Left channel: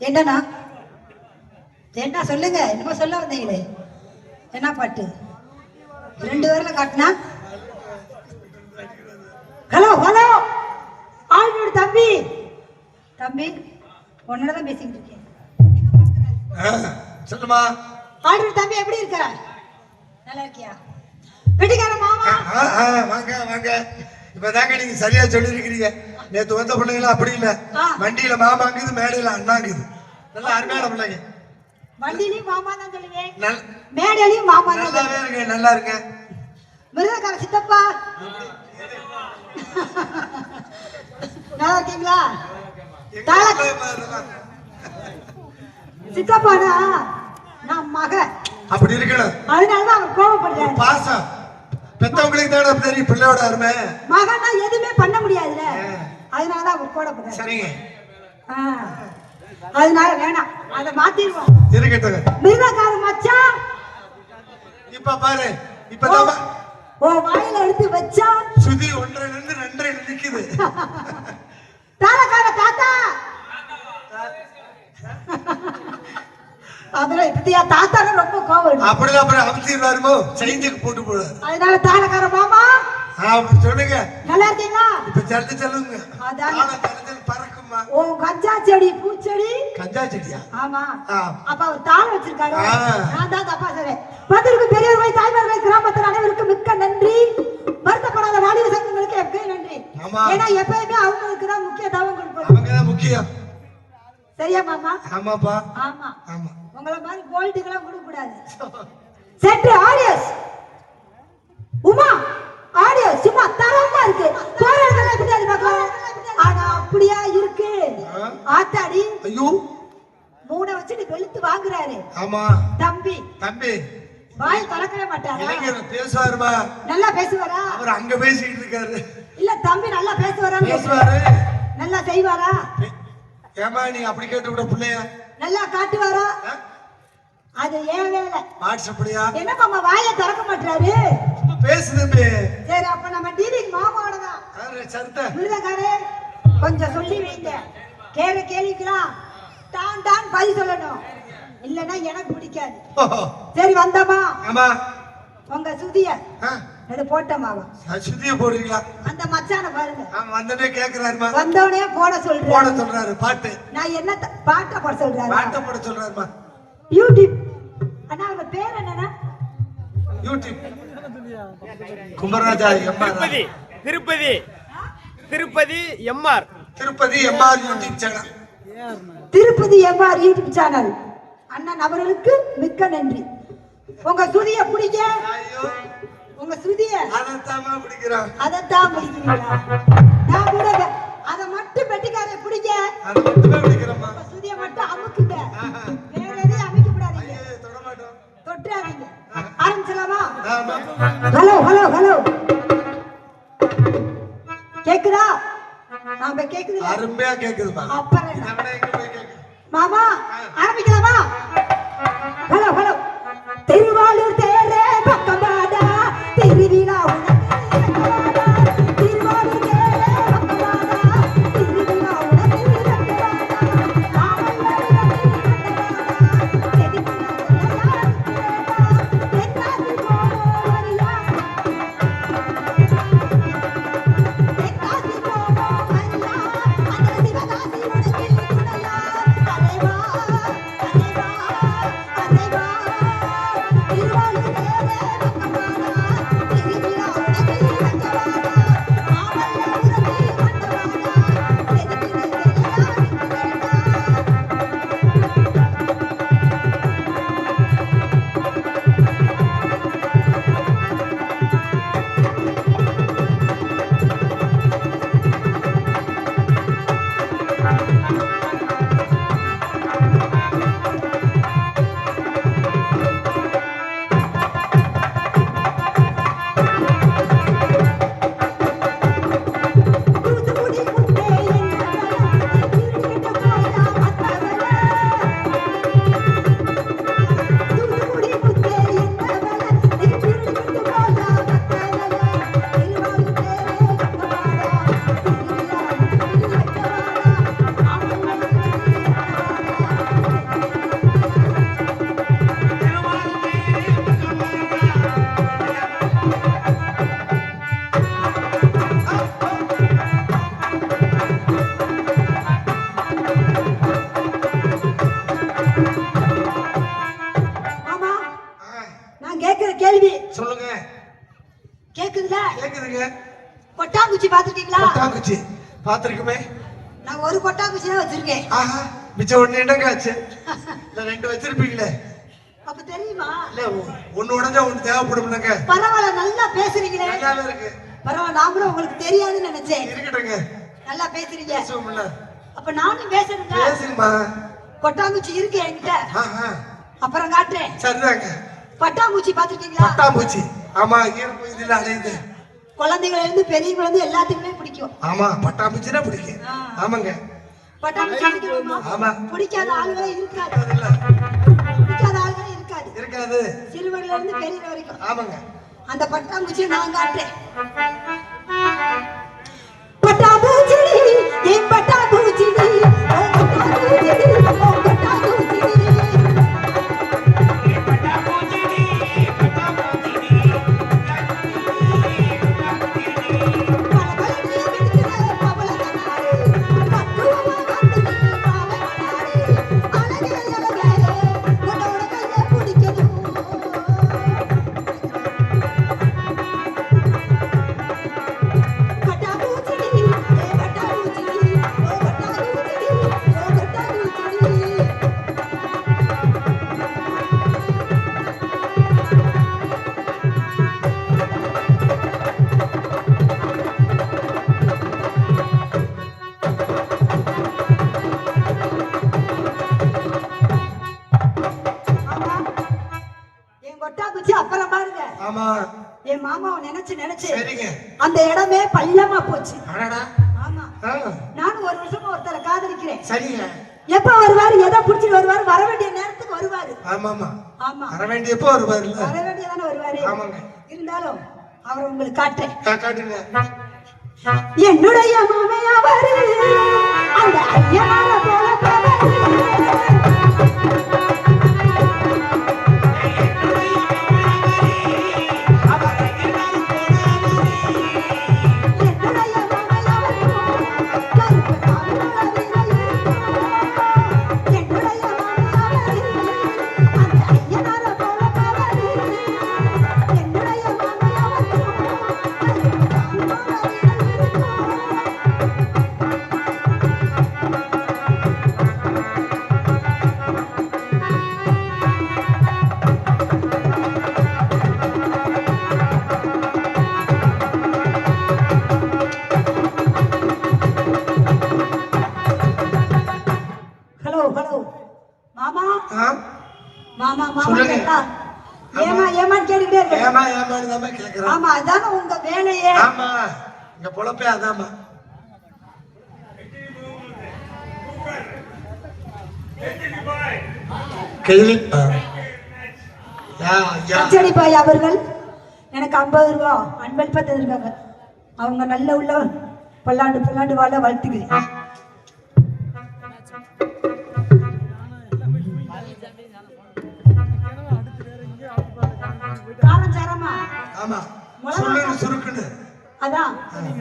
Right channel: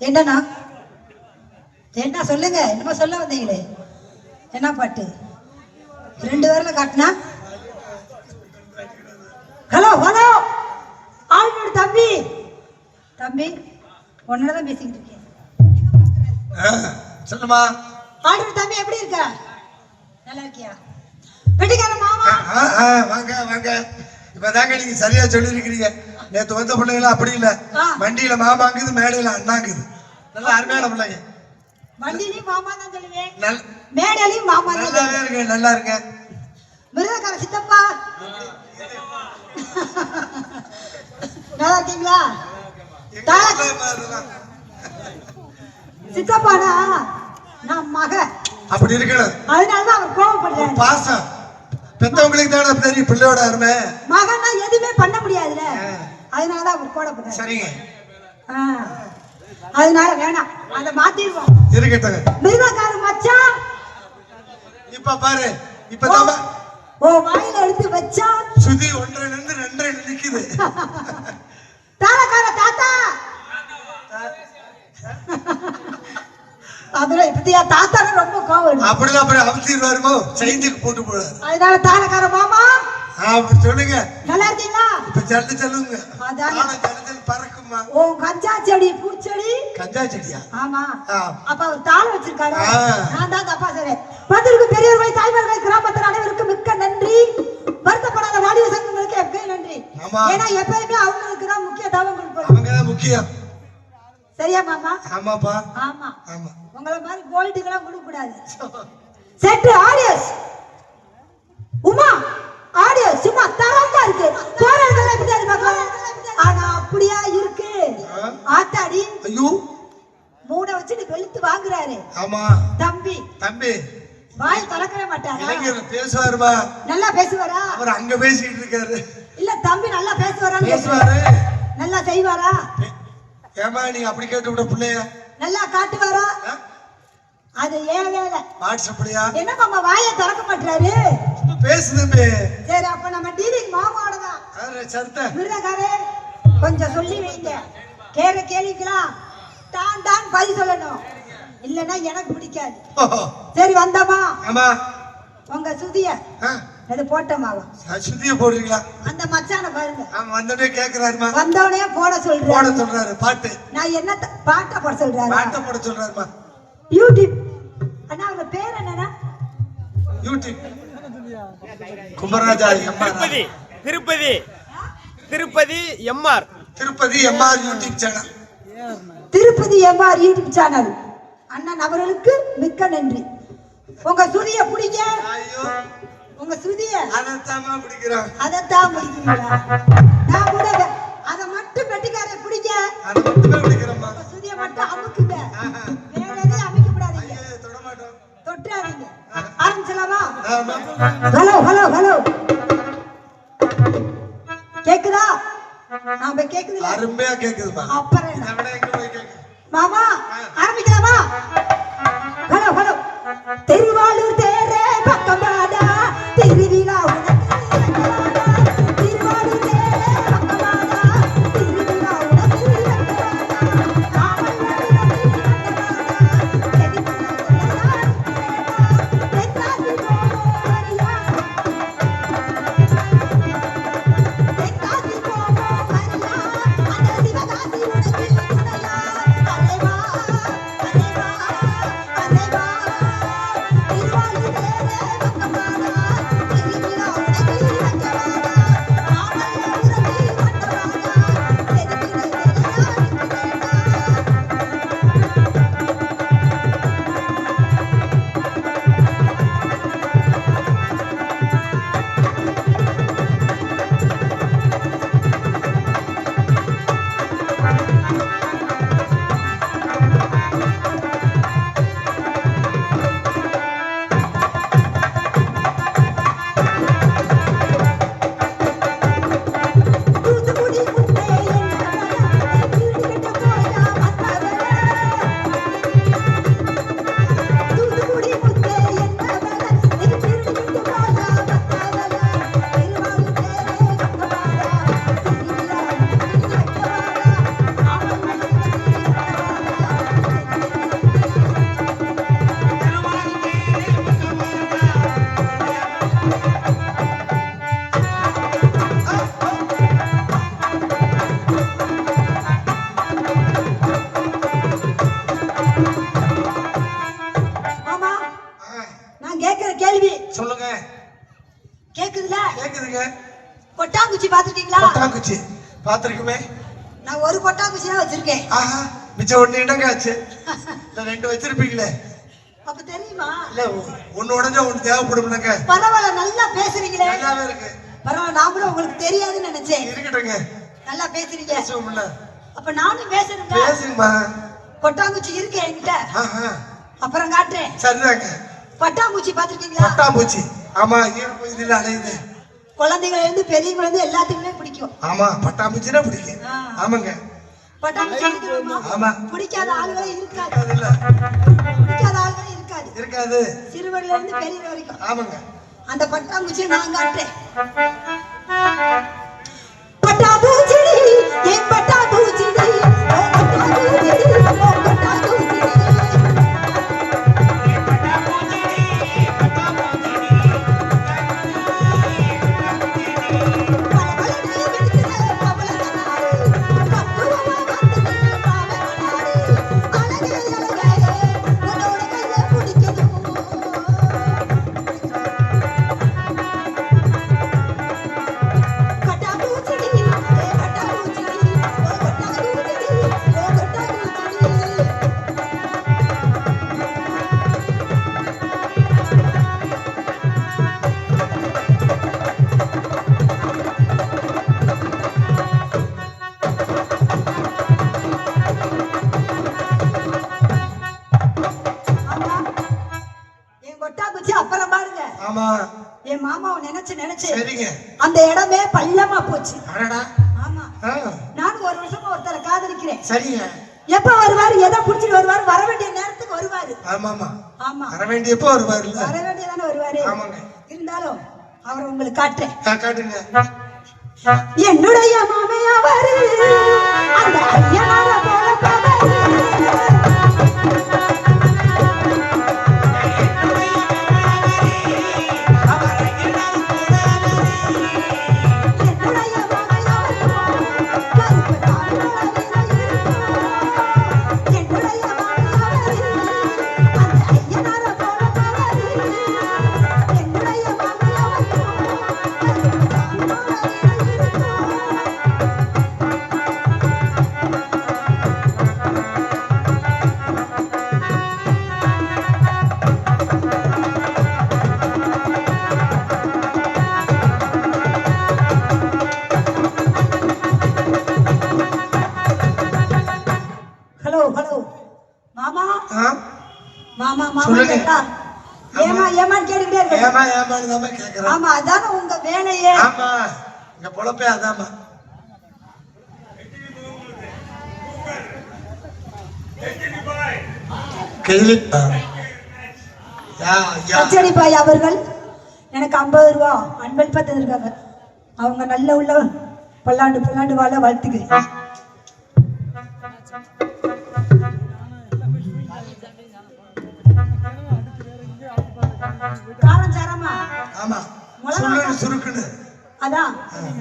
என்னண்ணா என்ன சொல்லுங்க, என்னமோ சொல்ல வந்தீங்களே, என்ன பாட்டு? 2 வரல காட்டினா. ஹலோ ஹலோ ஆளோட தம்பி, தம்பி உன்னதான் பேசிக்கிட்டு இருக்கேன். சொல்லுமா. ஆளோட தம்பி எப்படி இருக்க? நல்லா இருக்கியா? வெட்டிக்கார மாமா வாங்க வாங்க. இப்பதாங்க நீங்க சரியா சொல்லிருக்கீங்க. நேத்து வந்த பிள்ளைங்களா அப்படி இல்ல, வண்டியில மாமாங்குது, மேடையில அண்ணாங்குது. நல்ல அருமையான பிள்ளைங்க. வண்டியிலையும் மாமா தான் சொல்லுவேன், மேடையிலையும் மாமா தான். நல்லா இருக்கு, நல்லா இருக்கு. மிருகக்கார சித்தப்பா நல்லா இருக்கீங்களா? சித்தப்பாடா நான் மக அப்படி இருக்கணும். அதனாலதான் அவர் கோவப்படுறாரு. பாசம் பெத்தவங்களுக்கு தானே தெரியும் பிள்ளையோட அருமை. மகனா எதுவுமே பண்ண முடியாதுல, அதனாலதான் அவர் கோவப்படுறாரு. சரிங்க, அதனால வேணாம், அதை மாத்திடுவோம். இருக்கட்டும். மிருகக்கார மச்சான் இப்ப பாரு, இப்பதான் ஓ வாயில எடுத்து வச்சா சுதி 1 2 நிக்குது. தாளக்கார தாத்தா அதுல இப்படியா தாத்தா ரொம்ப கோவம். அப்படிதான் அப்புறம் அவசியம் செஞ்சுக்கு போட்டு போட. அதனால தாளக்கார மாமா சொல்லுங்க, நல்லா இருக்கீங்களா? இப்ப ஜல்தி சொல்லுங்க. பறக்குமா? ஓ கஞ்சா செடி, பூச்செடி. கஞ்சா செடியா? ஆமா. அப்ப அவர் தாளம் வச்சிருக்காரு, நான் தான் தப்பா சொன்னேன். வந்திருக்கும் பெரியவர்களை, தாய்மார்கள், கிராமத்தில் அனைவருக்கும் மிக்க நன்றி. வருத்தப்படாத வாலிப சங்கங்களுக்கு எப்பயும் நன்றி. ஏன்னா எப்பயுமே அவங்களுக்கு தான் முக்கியத்துவம் கொடுக்கணும். அவங்க தான் முக்கியம். சரியா மாமா? ஆமாப்பா. ஆமா ஆமா. உங்களை மாதிரி கோல்டுக்கெல்லாம் கொடுக்க கூடாது. செட்டு ஆடியன்ஸ் உமா ஆடியன்ஸ் சும்மா தரமா இருக்கு. போறதெல்லாம் எப்படி அது பார்க்கலாம். ஆனா அப்படியா இருக்கு ஆத்தாடி. ஐயோ மூட வச்சுட்டு வெளுத்து வாங்குறாரு. ஆமா தம்பி. தம்பி வாய் திறக்கவே மாட்டாரா? இளைஞர் பேசுவாருமா? நல்லா பேசுவாரா? அவர் அங்க பேசிட்டு இருக்காரு. இல்ல தம்பி நல்லா பேசுவாரான்னு பேசுவாரு. நல்லா செய்வாரா? ஏமா நீங்க அப்படி கேட்டு விட பிள்ளைய நல்லா காட்டுவாரா? அது ஏன் வேலை. வாட்ஸ்அப்லயா? என்ன மாமா வாயை திறக்க மாட்டாரு? பேசுது. சரி அப்ப நம்ம டிவிக்கு மாமாவோட தான். சரிதா. மிருகக்காரே கொஞ்சம் சொல்லி வைங்க. கேள்விக்கலாம் டான் டான் பதில் சொல்லணும், இல்லன்னா எனக்கு பிடிக்காது. சரி வந்தமா? ஆமா. உங்க சுதிய இது போட்டமாவா? சுதிய போடுறீங்களா? அந்த மச்சான பாருங்க. வந்தனே கேக்குறாருமா. வந்தோனே போட சொல்றாரு பாட்டு. நான் என்ன பாட்டை போட சொல்றாரு? பாட்டை போட சொல்றாருமா. யூடியூப் அண்ணா உங்க பேர் என்னன்னா? YouTube Kumararaja. Tirupati Tirupati Tirupati MR Tirupati MR YouTube channel. Tirupati MR YouTube channel அண்ணன் அவர்களுக்கு மிக்க நன்றி. உங்க சுதிய பிடிக்க, உங்க சுதிய அதைத்தான் பிடிக்கிறோம். அதைத்தான் பிடிக்கிறோம். நான் கூட அதை மட்டும் பெட்டிக்கார பிடிக்க, அதை மட்டுமே பிடிக்கிறோம்மா. சுதிய மட்டும் அமுக்குங்க, வேற எதையும் அமைக்க கூடாதீங்க, தொட்டாதீங்க. ஆரம்பிச்சலாமா? ஹலோ ஹலோ ஹலோ கேக்குதா? நாம கேக்குதுல? அருமையா கேக்குதுமா. அப்புறம் மாமா ஆரம்பிக்கலாமா? ஹலோ ஹலோ திருவாளூர் தேரே பக்கமாடா திருவிழா பாத்திருக்குமே. நான் ஒரு கொட்டாங்குச்சி தான் வச்சிருக்கேன். ஆஹா, மிச்சம் ஒண்ணு என்னங்க ஆச்சு? இல்ல 2 வச்சிருப்பீங்களே. அப்ப தெரியுமா? இல்ல ஒண்ணு உடஞ்சா ஒண்ணு தேவைப்படும்லங்க. பரவாயில்ல, நல்லா பேசுறீங்களே. நல்லாவே இருக்கு. பரவாயில்ல, நான் கூட உங்களுக்கு தெரியாதுன்னு நினைச்சேன். இருக்கட்டுங்க. நல்லா பேசுறீங்க. பேசுவோம்ல. அப்ப நானும் பேசுறேங்க. பேசுங்கம்மா. கொட்டாங்குச்சி இருக்கு என்கிட்ட. ஆஹா. அப்புறம் காட்டுறேன். சரிதாங்க. பட்டாம்பூச்சி பாத்துருக்கீங்களா? பட்டாம்பூச்சி. ஆமா, ஈரம் பகுதியில் அலையுது. குழந்தைகளை இருந்து பெரியவங்க இருந்து எல்லாத்துக்குமே பிடிக்கும். ஆமா, பட்டாம்பூச்சினா பிடிக்கும். ஆமாங்க. பட்டாம்பூச்சி பிடிக்குமா? ஆமா. பிடிக்காத ஆளுங்களே இருக்காது. இல்ல. பிடிக்காத ஆளுங்களே இருக்காது. இருக்காது. சிறுவர்ல இருந்து பெரியவங்க வரைக்கும். ஆமாங்க. அந்த பட்டாம்பூச்சியை நான் காட்டுறேன். பட்டாம்பூச்சி, என் பட்டாம்பூச்சி, அப்புறம் பாருங்க. ஆமா. என் மாமாவை நினைச்சு நினைச்சு சரிங்க. அந்த இடமே பள்ளமா போச்சு. அடடா. ஆமா. ஆ. நானும் ஒரு வருஷமா ஒருத்தரை காதலிக்கிறேன். சரிங்க. எப்ப வருவாரு, எதை புடிச்சிட்டு வருவாரு, வர வேண்டிய நேரத்துக்கு வருவாரு. ஆமா ஆமா. ஆமா, வர வேண்டியப்போ வருவாருல்ல. வர வேண்டியதானே வருவாரு. ஆமாங்க. இருந்தாலும் அவர் உங்களுக்கு காட்டுறேன். காட்டுங்க. என்னுடைய மாமையாவாரு அந்த ஐயனார போல பாவாரு. ஆமா, அதான உங்க வேலையே. ஆமா, இங்க பொழப்பே அதாமா. கச்சேரி பாய் அவர்கள் எனக்கு 50 ரூபாய் அன்பளிப்பா தந்திருக்காங்க. அவங்க நல்ல உள்ள பல்லாண்டு வாழ வாழ்த்துக்கிறேன். ஆமா, சுருக்குன்னு சுருக்குன்னு. அதான்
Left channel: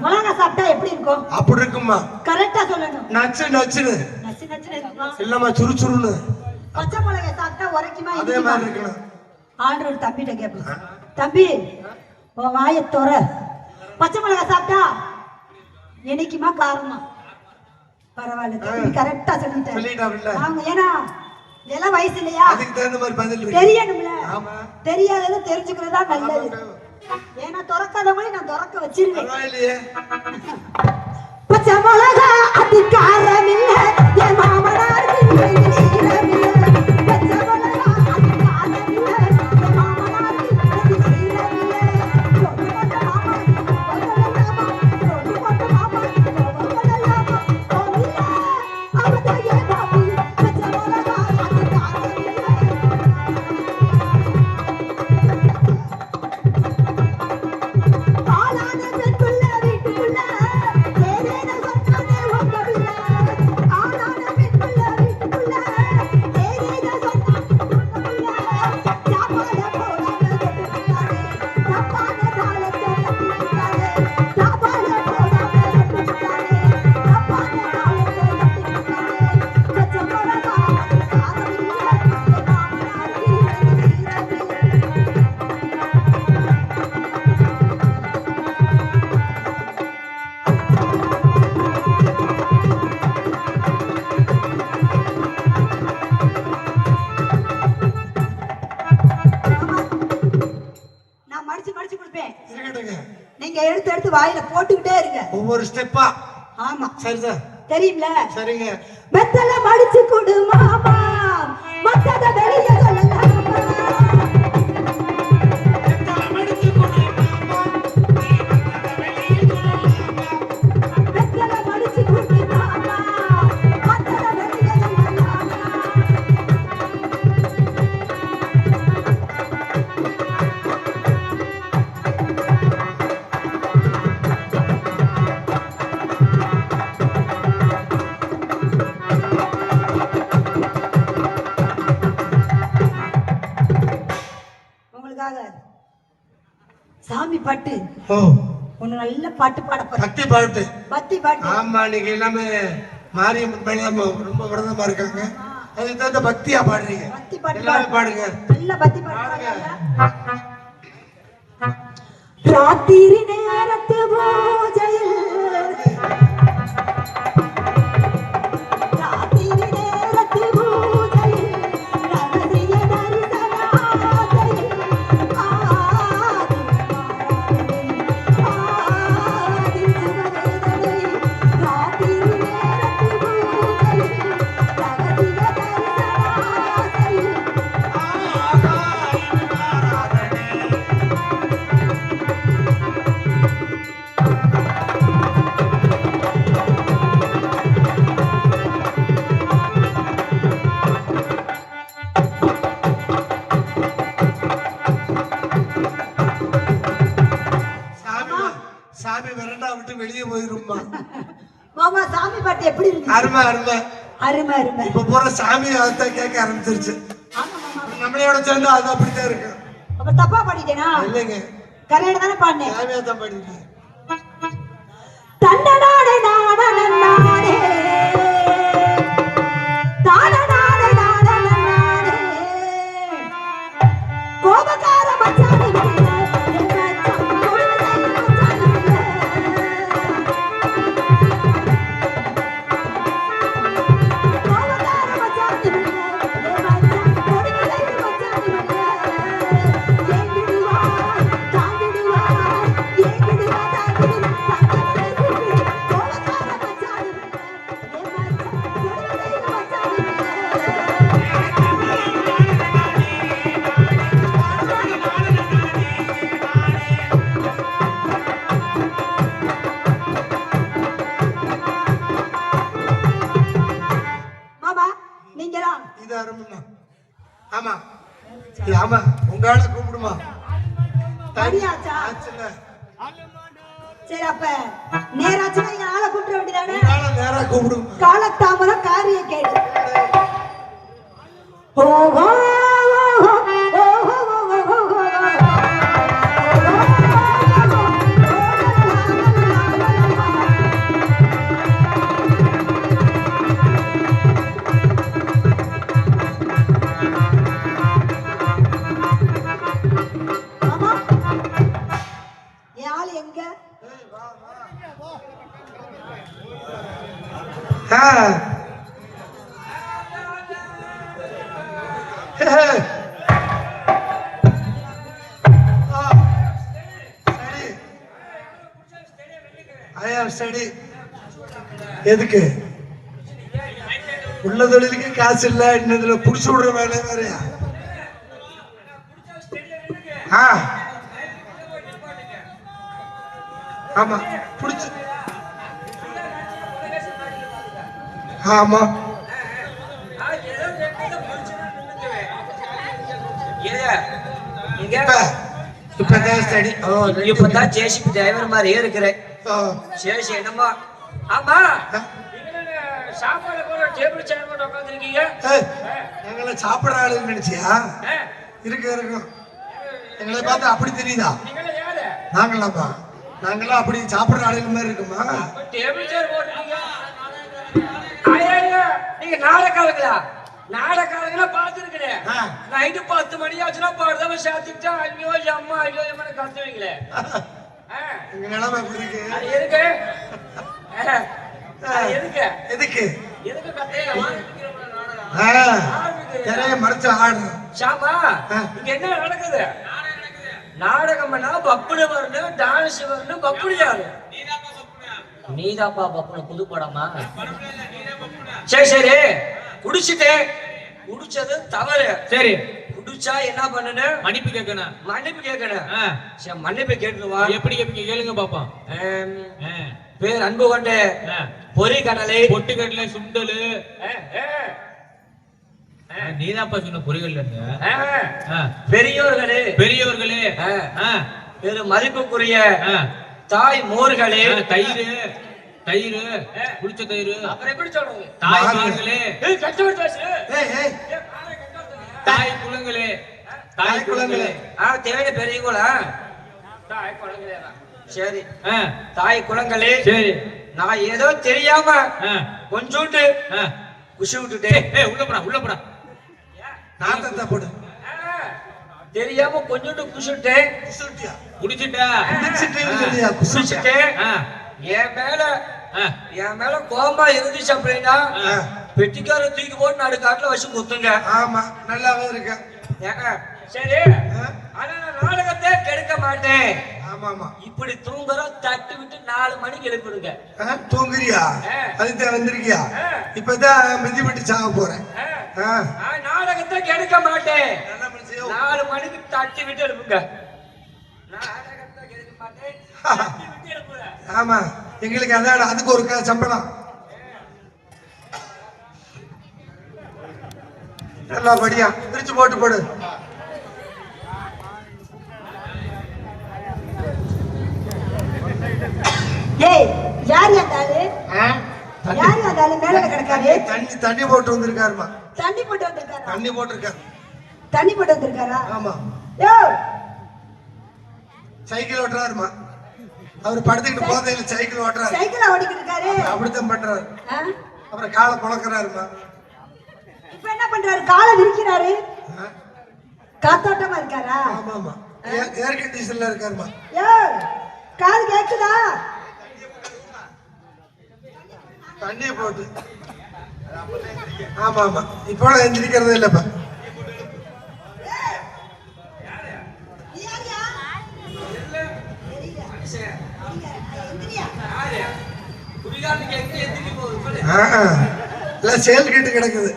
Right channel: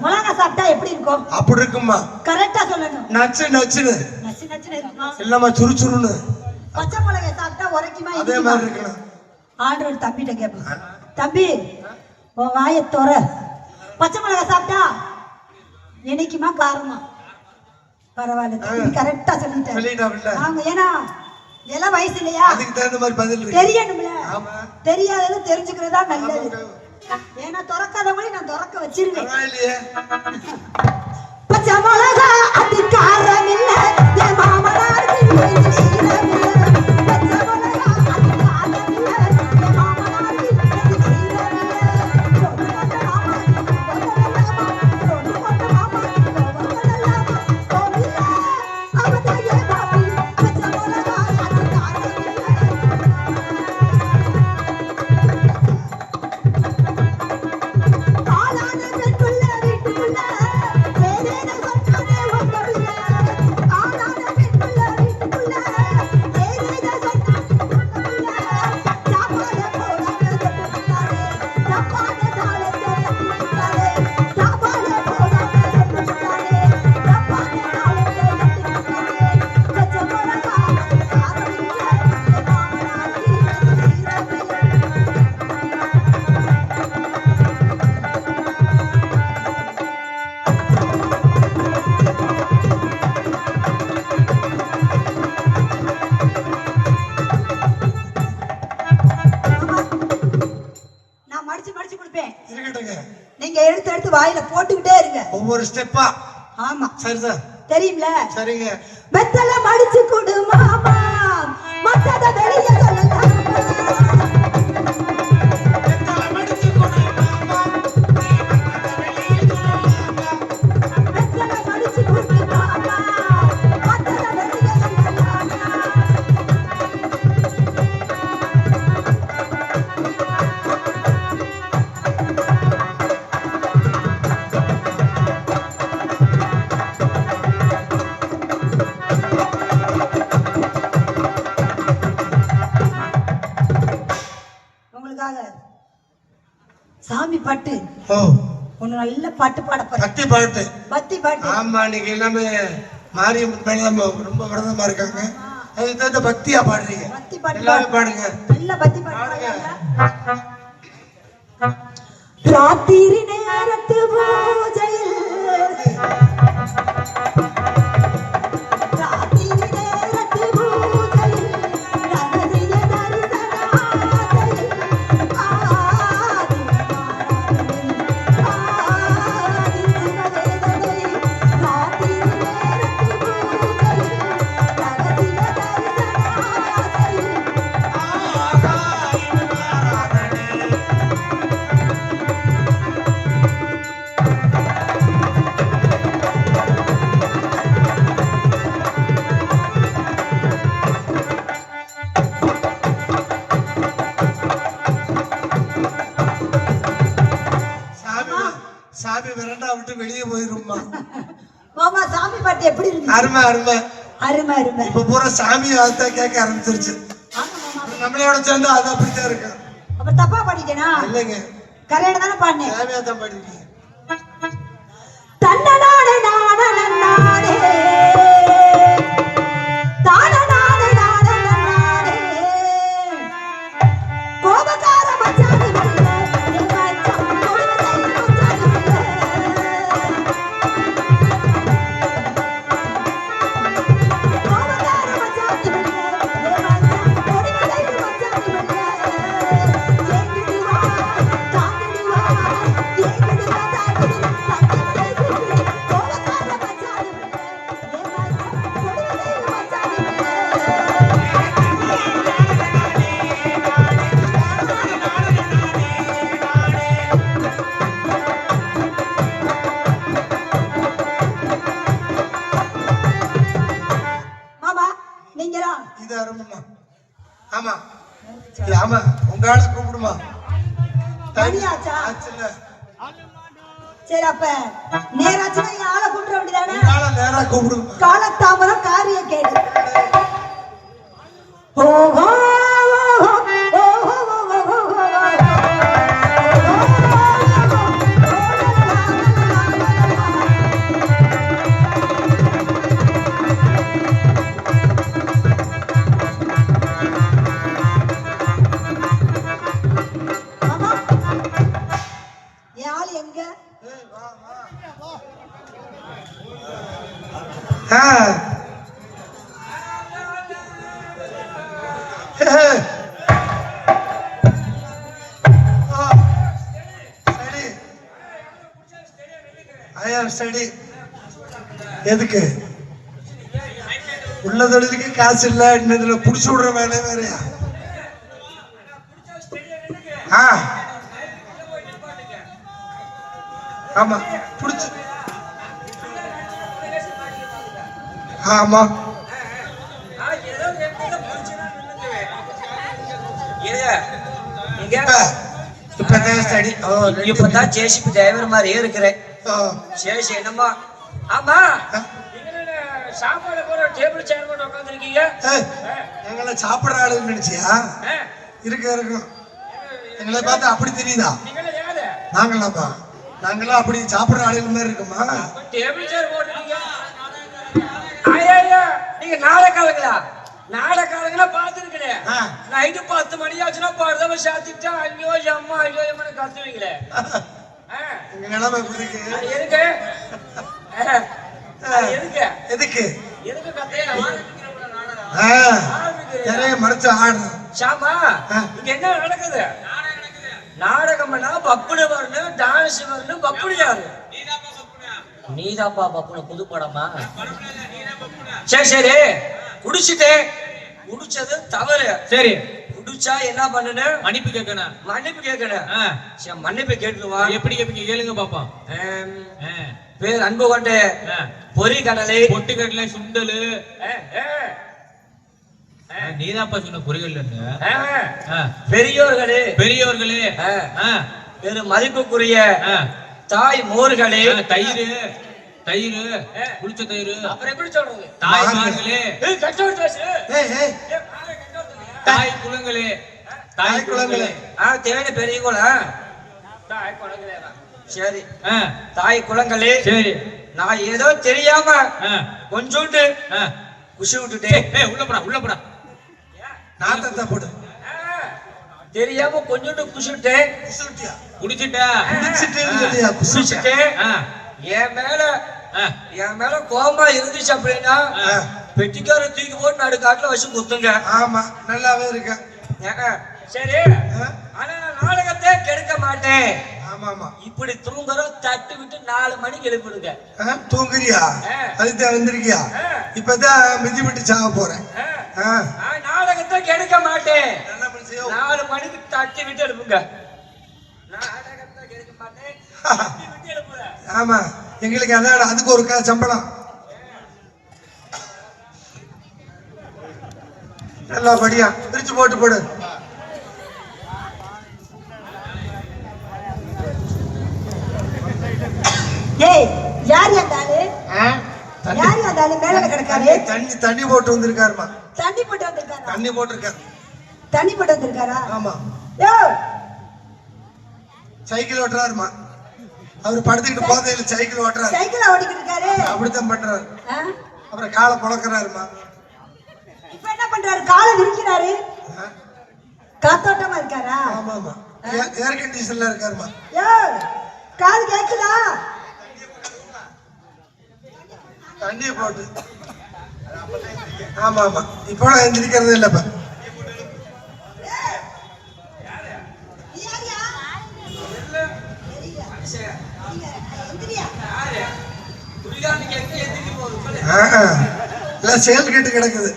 மிளகா சாப்பிட்டா எப்படி இருக்கும்? அப்படி இருக்குமா? கரெக்டா சொல்லணும். நச்சு நச்சுன்னு. நச்சு நச்சுன்னு இருக்கும். இல்லம்மா, சுறுசுறுன்னு. பச்சை மிளகா சாப்பிட்டா உரைக்குமா? அதே மாதிரி இருக்கணும். ஆர்டர் தம்பிட்ட கேட்பேன். தம்பி, உன் வாயை தோற. பச்சை மிளகா சாப்பிட்டா இனிக்குமா காரமா? பரவாயில்ல, கரெக்டா சொல்லிட்டேன். ஆமா, ஏன்னா எல்லாம் வயசு இல்லையா, அதுக்கு தகுந்த மாதிரி பதில் தெரியணும்ல. தெரியாதது தெரிஞ்சுக்கிறதா நல்லது. ஏன்னா திறக்காதவங்களே நான் திறக்க வச்சிருவேன். பச்சை மிளகா அடி காரம் இல்ல, என் மாமனார் ஆளான பெற்றுள்ள வீட்டுள்ள ஸ்டெப்பா. ஆமா சரி சார். தெரியும்ல. சரிங்க. வெத்தல மடிச்சு கொடு மாமா, மத்தத வெளிய சொல்லலாமா. சாமி பாட்டு ஒண்ணு நல்ல பாட்டு பாட போறேன். பக்தி பாட்டு. பக்தி பாட்டு. ஆமா, இன்னைக்கு எல்லாமே மாரியம்மன் மேல ரொம்ப விரதமா இருக்காங்க. அதுக்கு தகுந்த பக்தியா பாடுறீங்க. பக்தி பாட்டு எல்லாரும் பாடுங்க. நல்ல பக்தி பாடுங்க. ராத்திரி நேரத்து பூஜையில் சாமி விரண்டா விட்டு வெளியே போயிருமா. மாமா சாமி பாட்டு எப்படி இருக்கு? அருமை அருமை அருமை அருமை. இப்ப பூரா சாமி அதான் கேட்க ஆரம்பிச்சிருச்சு. நம்மளோட சேர்ந்து அது அப்படித்தான் இருக்கு. அப்ப தப்பா பாடிட்டேனா? இல்லைங்க, கரெக்டா தானே பாடினேன். சாமியா தான் பாடிட்டேன். தன்னடாடே நாடே நாடே தானடாடே நாடே நாடே கோபக்கார மச்சானே ஆமா ஆமா, உங்க ஆளை கூப்பிடுமா? சரி, அப்ப நேராச்சுன்னா ஆளை கூப்பிட வேண்டியதானே? நேரா கூப்பிடுமா? காலத்தாமரம் காரிய கேடு. ஓஹோ எதுக்கு உள்ள தொழிலுக்கு காசு இல்ல, இன்னதுல புடிச்சு விடுற வேலை வேறையா? ஆமா புடிச்சு. ஆமா இப்பதான் ஸ்டடி. இப்பதான் ஜேசிபி டிரைவர் மாதிரியே இருக்கிறேன். சரி என்னமா? ஆமா, சாப்பாடு போற டேபிள் சேர் போட்டு உட்கார்ந்திருக்கீங்க. எங்களை சாப்பிடுற ஆளுன்னு நினைச்சியா? இருக்கும். எங்களை பார்த்து அப்படி தெரியுதா? நாங்களாப்பா, நாங்களாம் அப்படி சாப்பிடுற ஆளுங்க மாதிரி இருக்குமா? டேபிள் சேர் போட்டுருக்கீங்க. நீங்க நாடகாரங்களா? நாடகாரங்களா பார்த்துருக்கேன். நைட்டு 10 மணி ஆச்சுன்னா படுதவ சாத்திட்டா ஐயோ அம்மா ஐயோ எம்மனை கத்துவீங்களே. நிலைமை எதுக்கு எதுக்கு எதுக்கு திரைய மறைச்சு ஆடு. சாமா, இங்க என்ன நடக்குது? நாடகம்னா பப்புனு வரணும், டான்ஸ் வரணும், பப்புனு யாரு? நீதாப்பா பக்கம் புது படமா? சரி சரி, குடிச்சிட்டேன். குடிச்சது தவறு. சரி, குடிச்சா என்ன பண்ணணும்? மன்னிப்பு கேட்கணும். மன்னிப்பு கேட்கணும். ஆ, சரி, மன்னிப்பு கேட்டுருவா. எப்படி கேளுங்க பாப்பா. பேர் அன்பு கொண்ட பொறி கடலை, பொட்டுக்கடலை, சுண்டலு. நீதாப்பா சொன்ன பொறிகள் பெரியோர்களே, பெரியவர்களே, மதிப்புக்குரிய தாய் மோர்களே, தயிர் தயிர் குடிச்ச தயிர். அப்புறம் எப்படி சொல்றது? தாய்மார்களே, தாய் குலங்களே, தாய் குலங்களே. தேவை பெரியவங்களா? சரி, தாய் குலங்களே. சரி, நான் ஏதோ தெரியாம கொஞ்சோண்டு குஷி விட்டுட்டேன். உள்ளப்படா நாட்டத்தை போடு. தெரியாம கொஞ்சோண்டு குஷிட்டேன். குடிச்சிட்டேன். என் மேல கோபமா இருந்துச்சு அப்படின்னா பெட்டிக்கார தூக்கி போட்டு நடு காட்டுல வச்சு குத்துங்க. ஆமா, நல்லாவே இருக்க. சரி, ஆனா நான் நாடகத்தை கெடுக்க மாட்டேன். ஆமா ஆமா, இப்படி இப்படி தூங்குறோம் தட்டு விட்டு 4 மணிக்கு எழுப்பிடுங்க. தூங்குறியா? அதுதான் வந்திருக்கியா? இப்பதான் மிதிப்பட்டு சாக போறேன். நான் நாடகத்தை கெடுக்க மாட்டேன். 4 மணிக்கு தட்டி விட்டு எழுப்புங்க. நாடகத்தை கெடுக்க மாட்டேன், தட்டி விட்டு எழுப்புறேன். ஆமா, எங்களுக்கு அதான் அதுக்கு ஒரு சம்பளம். நல்லா படியா பிரிச்சு போட்டு போடு. ஏய், யார் யாரு? யார் யாரு மேல கிடக்காரு? தண்ணி போட்டு வந்திருக்காருமா. தண்ணி போட்டு வந்திருக்காரா? தண்ணி போட்டிருக்காரு. தண்ணி போட்டு வந்திருக்காரா? ஆமா, ஏய், சைக்கிள் ஓட்டுறாருமா. அவர் படுத்துக்கிட்டு போதையில சைக்கிள் ஓட்டுறாரு. சைக்கிள் ஓட்டிக்கிட்டு இருக்காரு. அப்படித்தான் பண்றாரு. அப்புறம் காலை புழக்கிறாருமா. இப்ப என்ன பண்றாரு? காலை விரிக்கிறாரு. காத்தோட்டமா இருக்காரா? ஆமா ஆமா, ஏர் கண்டிஷன்ல இருக்காருமா. ஏய், காது கேக்குதா? தண்ணி போட்டு. ஆமா ஆமா, இப்போ எந்திரிக்கிறதே இல்லப்பா. எல்லாம் சேல் கிட்டு கிடக்குது.